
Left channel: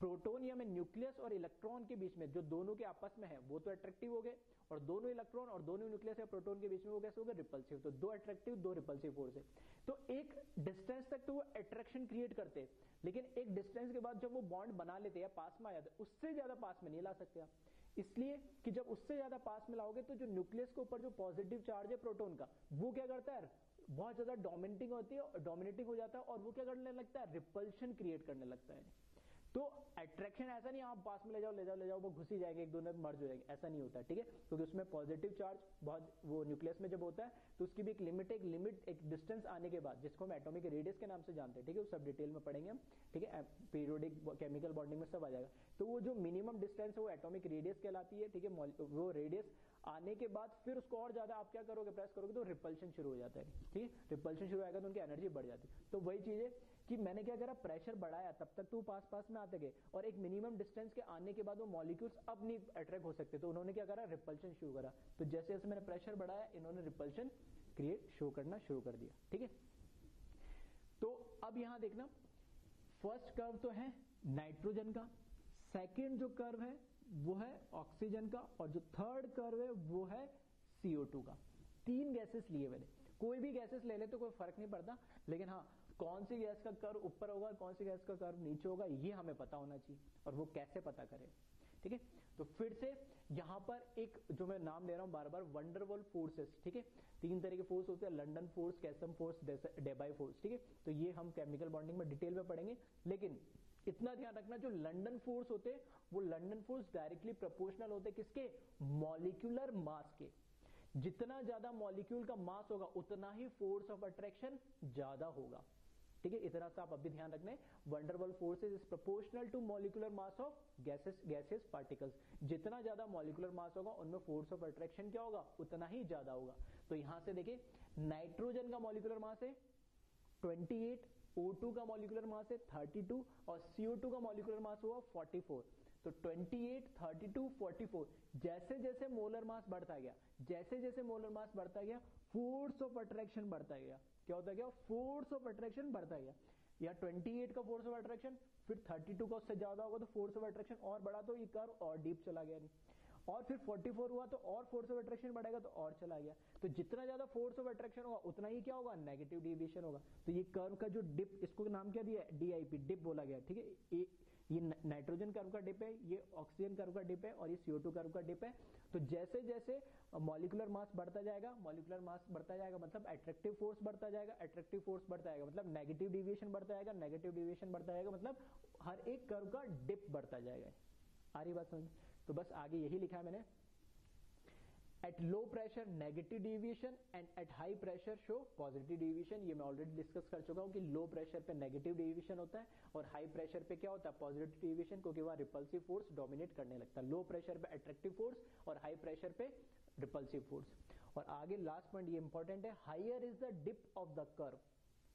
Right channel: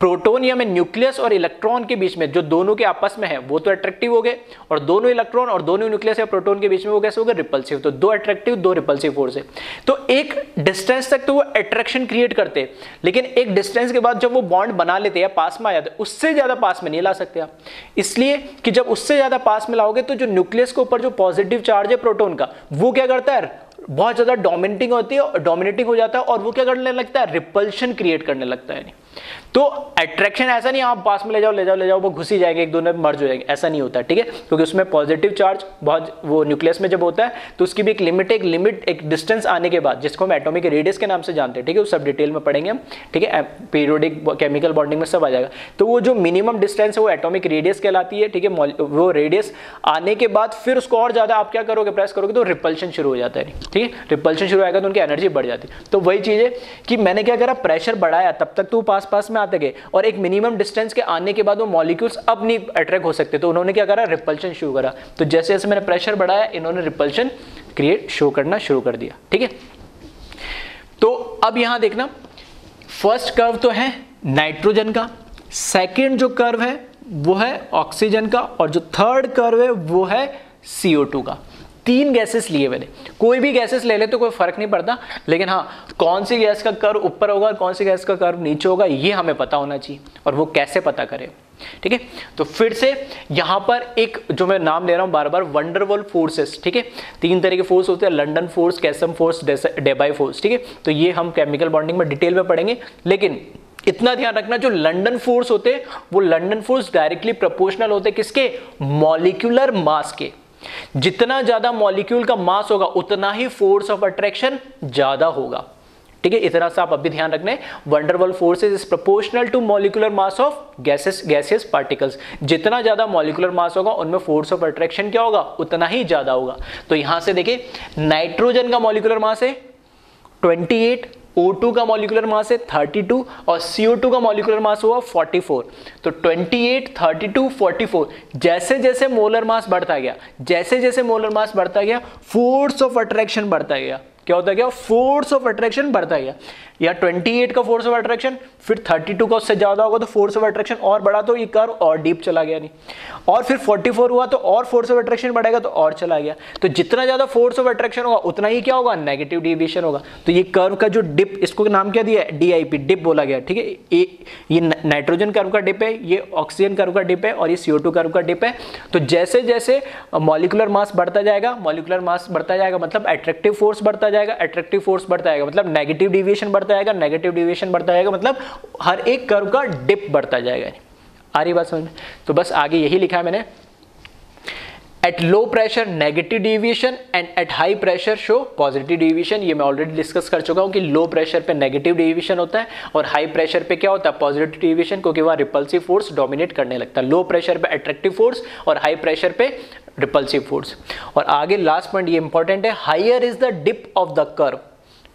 प्रोटॉन या में न्यूक्लियस और इलेक्ट्रॉन के बीच में जो दोनों के आपस में है वो तो अट्रैक्टिव हो गए, और दोनों इलेक्ट्रॉन और दोनों न्यूक्लियस या प्रोटॉन के बीच में वो कैसे हो गए, रिपल्सिव। तो दो अट्रैक्टिव दो रिपल्सिव फोर्स है। तो एक डिस्टेंस तक तो वो अट्रैक्शन क्रिएट करते हैं, लेकिन एक डिस्टेंस के बाद जब वो बॉन्ड बना लेते हैं या पास में आ जाते हैं, उससे ज्यादा पास में नहीं ला सकते आप, इसलिए कि जब उससे ज्यादा पास में लाओगे तो जो न्यूक्लियस के ऊपर जो पॉजिटिव चार्ज है प्रोटॉन का, वो क्या करता है, बहुत ज्यादा डोमिनेटिंग होती है, डोमिनेटिंग हो जाता है, और वो क्या करने लगता है, रिपल्शन क्रिएट करने लगता है। तो अट्रैक्शन ऐसा नहीं आप पास में ले जाओ वो घुस ही जाएंगे, एक दोनों में मर्ज हो जाएंगे, ऐसा नहीं होता, ठीक है, क्योंकि उसमें पॉजिटिव चार्ज बहुत, वो न्यूक्लियस में जब होता है तो उसकी भी एक लिमिट एक डिस्टेंस आने के बाद, जिसको हम एटॉमिक रेडियस के नाम से जानते हैं, ठीक है, वो सब डिटेल में पढ़ेंगे हम, ठीक है, पीरियोडिक केमिकल बॉन्डिंग में सब आ जाएगा। तो वो जो मिनिमम डिस्टेंस है वो एटॉमिक रेडियस कहलाती है, ठीक है, वो रेडियस आने के बाद फिर उसको और ज्यादा आप क्या करोगे, प्रेस करोगे तो रिपल्शन शुरू हो जाता है, ठीक है, रिपल्शन शुरू आएगा तो उनकी एनर्जी बढ़ जाती है। तो वही चीज है कि मैंने क्या करा, प्रेशर बढ़ाया, तब तक तो पास में आते गए, और एक मिनिमम डिस्टेंस के आने के बाद वो मॉलिक्यूल्स अब नहीं अट्रैक्ट हो सकते, तो उन्होंने क्या करा, रिपल्शन शुरू करा। तो जैसे जैसे मैंने प्रेशर बढ़ाया, इन्होंने रिपल्शन क्रिएट शो करना शुरू कर दिया, ठीक है। तो अब यहां देखना, फर्स्ट कर्व तो है नाइट्रोजन का, सेकंड जो कर्व है वो है ऑक्सीजन का, और जो थर्ड कर्व है वो है CO2 का। तीन गैसेस लिए मैंने, कोई भी गैसेस ले ले तो कोई फर्क नहीं पड़ता, लेकिन हाँ कौन सी गैस का कर्व ऊपर होगा और कौन सी गैस का कर्व नीचे होगा ये हमें पता होना चाहिए, और वो कैसे पता करें, ठीक है। तो फिर से यहां पर एक जो मैं नाम ले रहा हूं बार बार, वंडरवॉल फोर्सेस, ठीक है, तीन तरह के फोर्स होते हैं, लंडन फोर्स, कैसम फोर्स, डेबाई फोर्स, ठीक है। तो ये हम केमिकल बॉन्डिंग में डिटेल में पढ़ेंगे, लेकिन इतना ध्यान रखना, जो लंडन फोर्स होते हैं वो लंडन फोर्स डायरेक्टली प्रोपोर्शनल होते हैं किसके, मॉलिक्यूलर मास के। जितना ज्यादा मॉलिक्यूल का मास होगा उतना ही फोर्स ऑफ अट्रैक्शन ज्यादा होगा, ठीक है, इतना सा आप अभी ध्यान रखना है। Van der Waals forces is proportional to molecular mass of gases particles. जितना ज्यादा मॉलिक्यूलर मास होगा उनमें फोर्स ऑफ अट्रैक्शन क्या होगा, उतना ही ज्यादा होगा। तो यहां से देखिए, नाइट्रोजन का मॉलिक्यूलर मास है 28, O2 का मॉलिक्यूलर मास है 32, और CO2 का मॉलिक्यूलर मास हुआ 44। तो 28, 32, 44, जैसे जैसे मोलर मास बढ़ता गया, जैसे जैसे मोलर मास बढ़ता गया, फोर्स ऑफ अट्रैक्शन बढ़ता गया। क्या होता गया, फोर्स ऑफ अट्रैक्शन बढ़ता गया। या 28 का फोर्स ऑफ अट्रैक्शन, फिर 32 का उससे ज्यादा होगा तो फोर्स ऑफ अट्रैक्शन और बढ़ा तो ये कर्व और डीप चला गया नहीं, और फिर 44 हुआ तो और फोर्स ऑफ अट्रैक्शन बढ़ेगा तो और चला गया। तो जितना ज्यादा फोर्स ऑफ अट्रैक्शन होगा उतना ही क्या होगा, नेगेटिव डेविएशन होगा। तो ये कर्व का जो डिप, इसको नाम क्या दिया है, DIP, डिप बोला गया, ठीक है। ये नाइट्रोजन कर्व का डिप है, ये ऑक्सीजन कर्व का डिप है और ये CO2 कर्व का डिप है। तो जैसे जैसे मॉलिक्यूलर मास बढ़ता जाएगा, मॉलिक्यूलर मास बढ़ता जाएगा मतलब अट्रैक्टिव फोर्स बढ़ता जाएगा, अट्रैक्टिव फोर्स बढ़ता जाएगा मतलब नेगेटिव डेविएशन बढ़ता जाएगा, नेगेटिव डेविएशन बढ़ता जाएगा मतलब हर एक कर्व का डिप बढ़ता जाएगा। आ रही बात समझ में? तो बस आगे यही लिखा है मैंने, at low pressure negative deviation and at high pressure show positive deviation. ये मैं ऑलरेडी डिस्कस कर चुका हूं कि लो प्रेशर पे नेगेटिव डेविएशन होता है और हाई प्रेशर पे क्या होता है, पॉजिटिव डेविएशन, क्योंकि वहां रिपल्सिव फोर्स डोमिनेट करने लगता है। लो प्रेशर पे अट्रैक्टिव फोर्स और हाई प्रेशर पे रिपल्सिव फोर्स। और आगे लास्ट पॉइंट ये इंपॉर्टेंट है, higher is the dip of the curve,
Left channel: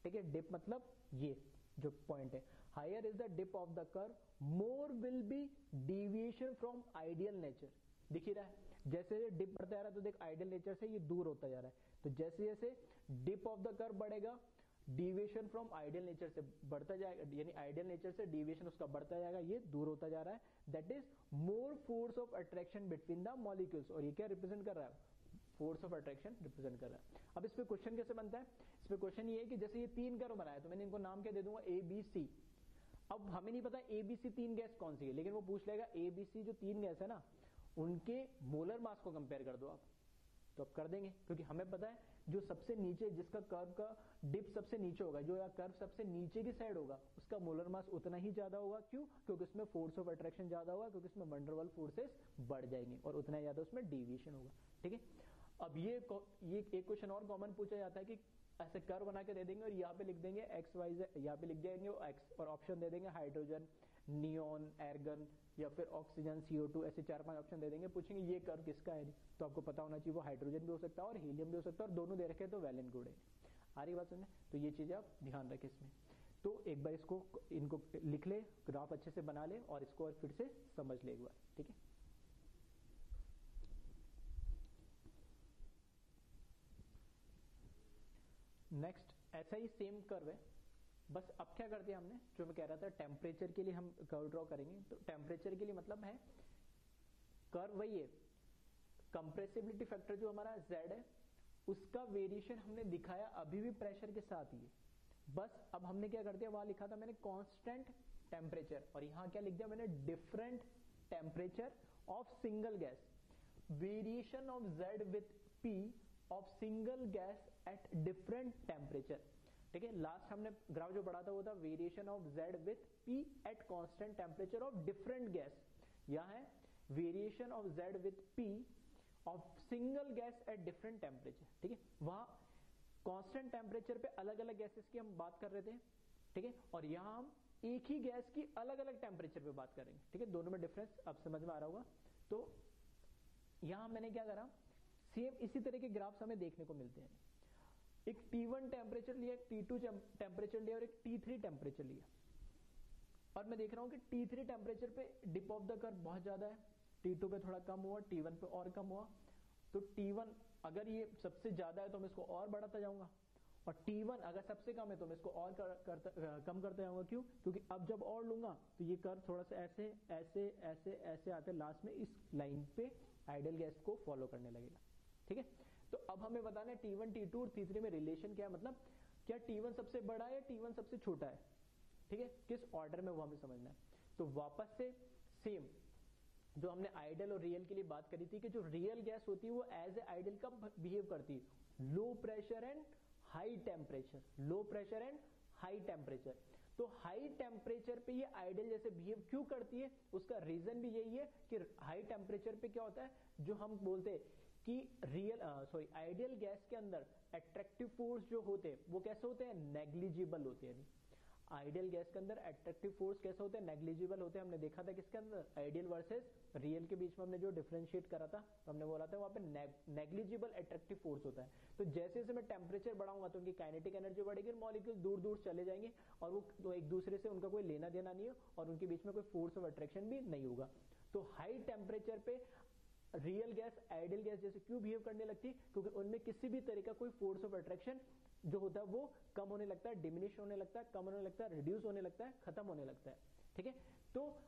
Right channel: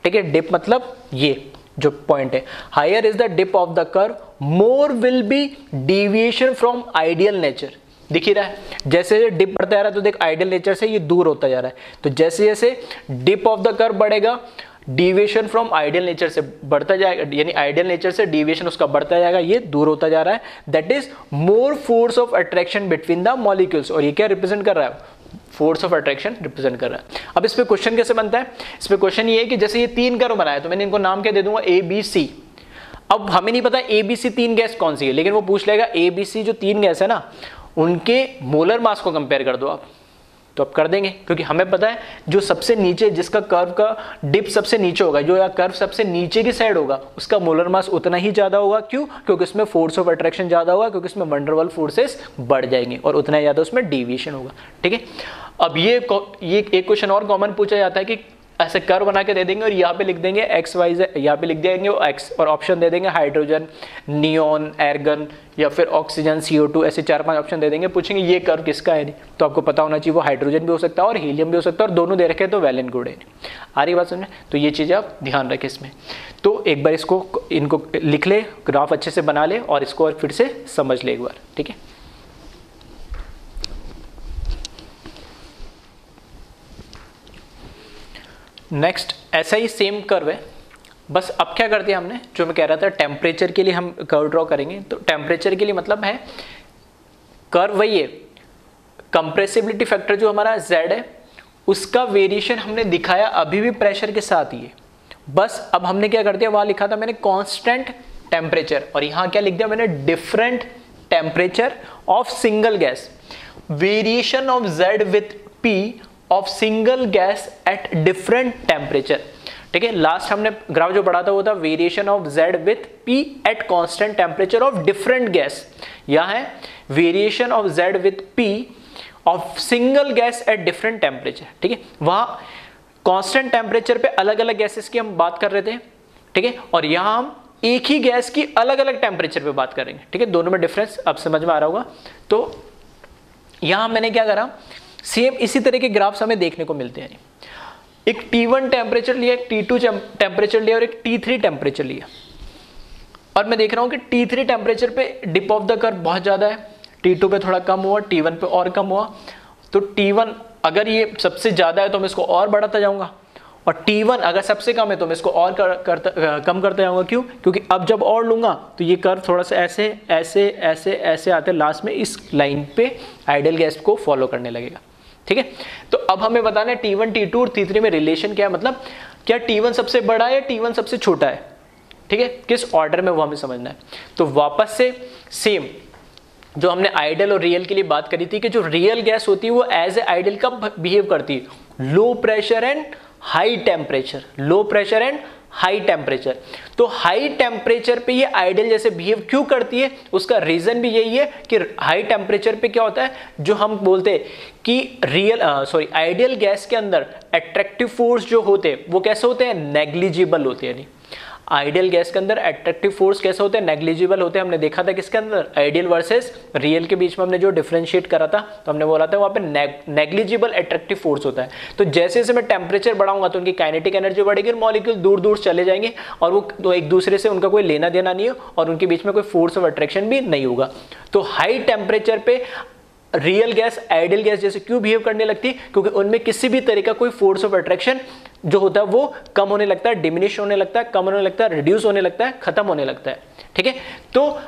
ठीक है। डिप मतलब ये जो पॉइंट है, higher is the dip of the curve more will be deviation from ideal nature. दिख ही रहा है, जैसे डिप बढ़ता जा रहा है तो देख आइडियल नेचर से ये दूर होता जा रहा है। तो जैसे जैसे डिप ऑफ द कर्व बढ़ेगा, डेविएशन फ्रॉम आइडियल नेचर से बढ़ता जाएगा, यानी आइडियल नेचर से डेविएशन उसका बढ़ता जाएगा, ये दूर होता जा रहा है। That is more force of attraction between the molecules. और ये क्या रिप्रेजेंट कर रहा है, फोर्स ऑफ अट्रैक्शन रिप्रेजेंट कर रहा है। अब इस पे क्वेश्चन कैसे बनता है, इस पे क्वेश्चन ये है कि जैसे ये 3 कर्व बनाया तो मैंने इनको नाम क्या दे दूंगा, ABC। अब हमें नहीं पता ABC 3 गैस कौन सी है, लेकिन वो पूछ लेगा ABC जो 3 गैस है ना, उनके मोलर मास को कंपेयर कर दो आप, तो आप कर देंगे, क्योंकि हमें पता है जो सबसे नीचे, जिसका कर्व का डिप सबसे नीचे होगा, जो या कर्व सबसे नीचे की साइड होगा, उसका मोलर मास उतना ही ज्यादा होगा। क्यों? क्योंकि उसमें फोर्स ऑफ अट्रैक्शन ज्यादा होगा, क्योंकि उसमें वंडर वाल फोर्सेस बढ़ जाएंगे और उतना ही ज्यादा उसमें डेविएशन होगा, ठीक है। अब ये एक क्वेश्चन और कॉमन पूछा जाता है कि ऐसे कर्व बना के दे देंगे और यहाँ पे लिख देंगे XYZ, यहाँ पे लिख देंगे वो X और ऑप्शन दे देंगे हाइड्रोजन, नियोन, एर्गन या फिर ऑक्सीजन, CO2, ऐसे 4-5 ऑप्शन दे देंगे। पूछेंगे ये कर्व किसका है, नहीं तो आपको पता होना चाहिए वो हाइड्रोजन भी हो सकता है और हीलियम भी हो सकता है, और दोनों दे रखे तो वेल एंड गुड है। आ रही बात समझे? तो ये चीज़ें आप ध्यान रखें इसमें। तो एक बार इनको लिख ले, ग्राफ अच्छे से बना ले और इसको और फिर से समझ ले एक बार, ठीक है। नेक्स्ट ऐसा ही सेम कर्व है, बस अब क्या करते हैं हमने, जो मैं कह रहा था टेम्परेचर के लिए हम कर्व ड्रॉ करेंगे। तो टेम्परेचर के लिए मतलब है कर्व वही है, कंप्रेसिबिलिटी फैक्टर जो हमारा Z है उसका वेरिएशन हमने दिखाया अभी भी प्रेशर के साथ ही है। बस अब हमने क्या कर दिया, वहां लिखा था मैंने कांस्टेंट टेम्परेचर और यहां क्या लिख दिया मैंने, different temperature of single gas, variation of Z with P of single gas at different temperature, ठीक है। लास्ट हमने ग्राफ जो पढ़ा था वो था variation of Z with P eight constant temperature of different gas. यहां है variation of Z with P of single gas at different temperature, ठीक है। वहां कांस्टेंट टेम्परेचर पे अलग अलग गैसेस की हम बात कर रहे थे, ठीक है, और यहां हम एक ही गैस की अलग अलग टेम्परेचर पे बात करेंगे, ठीक है। दोनों में डिफरेंस अब समझ में आ रहा होगा। तो यहां मैंने क्या करा, सेम इसी तरह के ग्राफ्स हमें देखने को मिलते हैं। एक T1 टेम्परेचर लिया, एक T2 टेम्परेचर लिया और एक T3 टेम्परेचर लिया, और मैं देख रहा हूं कि T3 टेम्परेचर पे डिप ऑफ द कर्व बहुत ज्यादा है, T2 पे थोड़ा कम हुआ, T1 पे और कम हुआ। तो T1 अगर ये सबसे ज्यादा है तो मैं इसको और बढ़ाता जाऊंगा, और T1 अगर सबसे कम है तो मैं इसको और कम करता जाऊंगा। क्यों? क्योंकि अब जब और लूंगा तो ये कर्व थोड़ा सा ऐसे ऐसे ऐसे ऐसे आते लास्ट में इस लाइन पे आइडियल गैस को फॉलो करने लगेगा, ठीक है। तो अब हमें बताना है T1, T2 और T3 में रिलेशन क्या है, मतलब क्या T1 सबसे बड़ा है या T1 सबसे छोटा है, ठीक है, किस ऑर्डर में वो हमें समझना है। तो वापस से सेम जो हमने आइडियल और रियल के लिए बात करी थी कि जो रियल गैस होती है वो एज ए आइडियल कब बिहेव करती है, low pressure and high temperature, low pressure and high temperature. तो हाई टेम्परेचर पे ये आइडियल जैसे बिहेव क्यों करती है, उसका रीजन भी यही है कि हाई टेम्परेचर पे क्या होता है, जो हम बोलते हैं कि आइडियल गैस के अंदर अट्रैक्टिव फोर्स जो होते हैं वो कैसे होते हैं, नेग्लिजिबल होते हैं। यानी आइडियल गैस के अंदर अट्रैक्टिव फोर्स कैसे होते हैं, नेग्लिजिबल होते हैं। हमने देखा था किसके अंदर, आइडियल वर्सेस रियल के बीच में हमने जो डिफरेंशिएट करा था, तो हमने बोला था वहां पे नेग्लिजिबल अट्रैक्टिव फोर्स होता है। तो जैसे जैसे मैं टेम्परेचर बढ़ाऊंगा तो उनकी काइनेटिक एनर्जी बढ़ेगी, मॉलिक्यूल दूर दूर चले जाएंगे और वो तो एक दूसरे से उनका कोई लेना देना नहीं है और उनके बीच में कोई फोर्स ऑफ अट्रैक्शन भी नहीं होगा। तो हाई टेम्परेचर पे रियल गैस आइडियल गैस जैसे क्यों बिहेव करने लगती है? क्योंकि उनमें किसी भी तरह का कोई फोर्स ऑफ अट्रैक्शन जो होता है वो कम होने लगता है, डिमिनिश होने लगता है, कम होने लगता है, रिड्यूस होने लगता है, खत्म होने लगता है। ठीक है, तो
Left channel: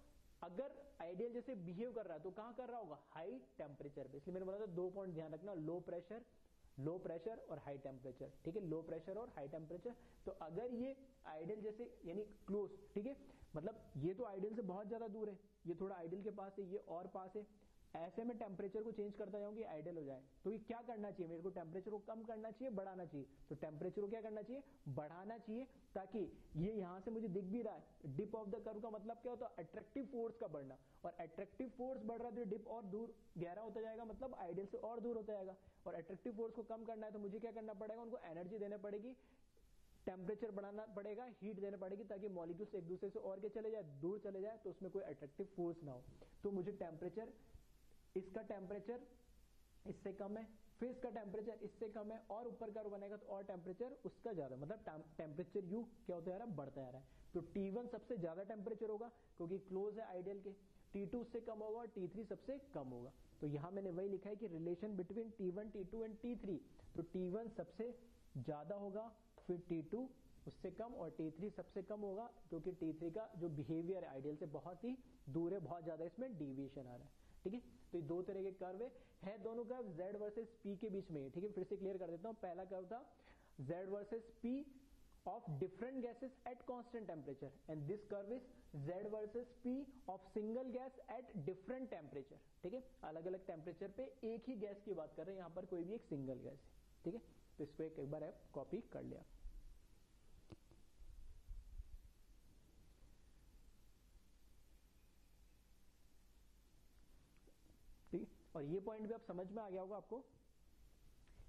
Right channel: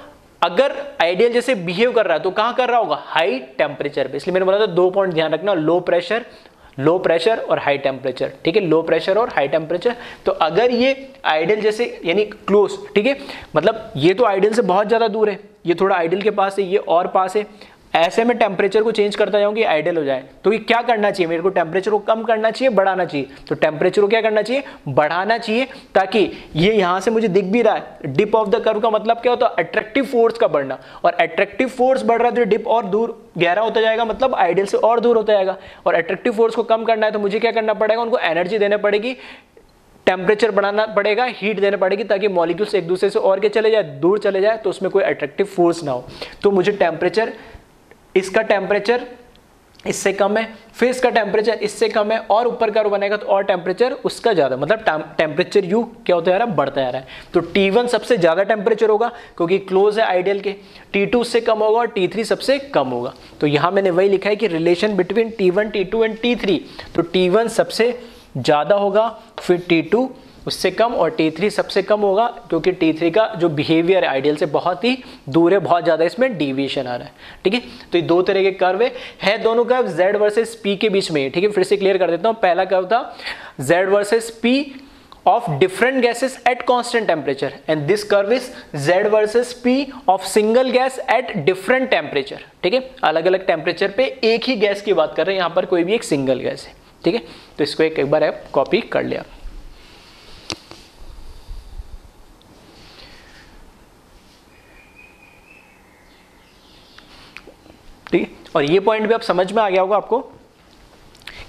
अगर आइडियल जैसे बिहेव कर रहा है तो कहां कर रहा होगा? हाई टेम्परेचर पे। इसलिए मैंने बोला था 2 पॉइंट ध्यान रखना, लो प्रेशर और हाई टेम्परेचर। ठीक है, लो प्रेशर और हाई टेम्परेचर। तो अगर ये आइडियल जैसे यानी क्लोज, ठीक है, मतलब ये तो आइडियल से बहुत ज्यादा दूर है, ये थोड़ा आइडियल के पास है, ये और पास है, ऐसे में टेम्परेचर को चेंज करता जाऊंगी आइडियल हो जाए। तो ये क्या करना चाहिए मेरे को? टेम्परेचर को कम करना चाहिए, बढ़ाना चाहिए? तो टेम्परेचर को क्या करना चाहिए? बढ़ाना चाहिए, ताकि ये यहां से मुझे दिख भी रहा है डिप ऑफ द कर्व का मतलब क्या होता है? अट्रैक्टिव फोर्स का बढ़ना, और अट्रैक्टिव फोर्स बढ़ रहा है तो डिप और दूर गहरा होता जाएगा, मतलब आइडियल से और दूर होता जाएगा। और अट्रैक्टिव फोर्स को कम करना है तो मुझे क्या करना पड़ेगा? उनको एनर्जी देना पड़ेगी, टेम्परेचर बढ़ाना पड़ेगा, हीट देना पड़ेगी, ताकि मॉलिक्यूल्स एक दूसरे से और के चले जाए, दूर चले जाए, तो उसमें कोई अट्रैक्टिव फोर्स ना हो। तो मुझे टेम्परेचर, इसका टेम्परेचर इससे कम है, फिर इसका टेम्परेचर इससे कम है, और ऊपर का बनेगा तो और टेम्परेचर उसका ज्यादा, मतलब टेम्परेचर यू क्या होता जा रहा है? बढ़ता जा रहा है। तो T1 सबसे ज्यादा टेम्परेचर होगा क्योंकि क्लोज है आइडियल के, T2 उससे कम होगा और T3 सबसे कम होगा। तो यहां मैंने वही लिखा है कि relation between T1, T2 and T3। तो T1 सबसे ज्यादा होगा, फिर T2 उससे कम, और T3 सबसे कम होगा, क्योंकि T3 का जो बिहेवियर है आइडियल से बहुत ही दूर है, बहुत ज्यादा इसमें डिविएशन आ रहा है। ठीक है, तो ये दो तरह के कर्व है दोनों कर्व Z वर्सेस P के बीच में। ठीक है, फिर से क्लियर कर देता हूं। पहला कर्व था Z versus P of different gases at constant temperature, and this curve is Z versus P of single gas at different temperature। ठीक है, अलग अलग टेम्परेचर पे एक ही गैस की बात कर रहे हैं, यहां पर कोई भी एक सिंगल गैस है। ठीक है, तो इसको एक बार आप कॉपी कर लिया। ठीक है, और ये पॉइंट भी आप समझ में आ गया होगा आपको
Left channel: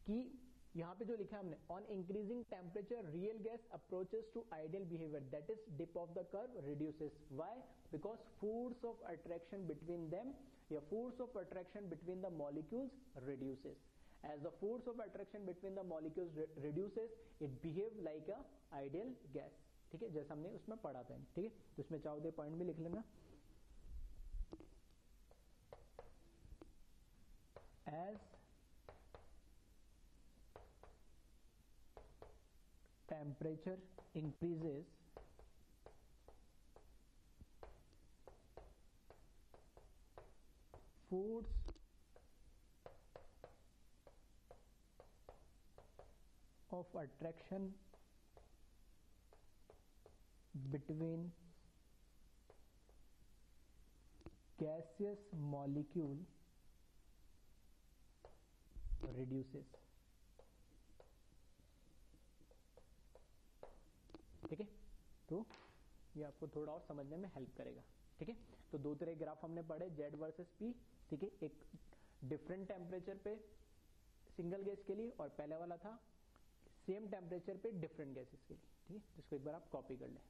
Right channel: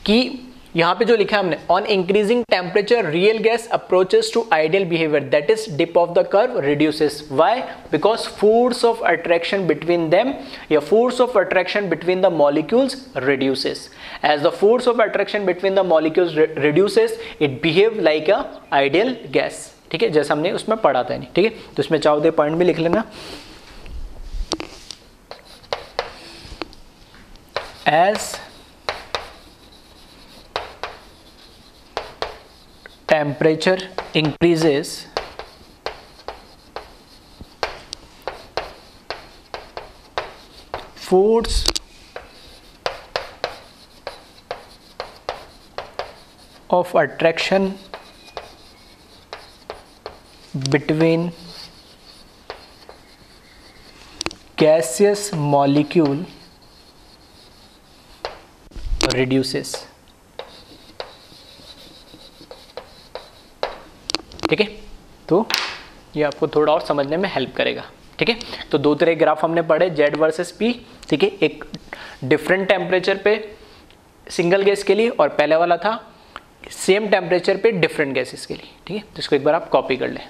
कि यहां पे जो लिखा है हमने, on increasing temperature real gas approaches to ideal behaviour, that is dip of the curve reduces. Why? Because force of attraction between them, या force of attraction between the molecules reduces. As the force of attraction between the molecules reduces, it behave like a ideal gas. ठीक है, जैसा हमने उसमें पढ़ा था। नहीं, ठीक है, तो इसमें चाहो तो पॉइंट भी लिख लेना। As temperature increases, force of attraction between gaseous molecule reduces। ठीक है, तो ये आपको थोड़ा और समझने में हेल्प करेगा। ठीक है, तो दो तरह ग्राफ हमने पढ़े, Z वर्सेस P। ठीक है, एक डिफरेंट टेम्परेचर पे सिंगल गैस के लिए, और पहले वाला था सेम टेम्परेचर पे डिफरेंट गैसेस के लिए। ठीक है, तो इसको एक बार आप कॉपी कर लें।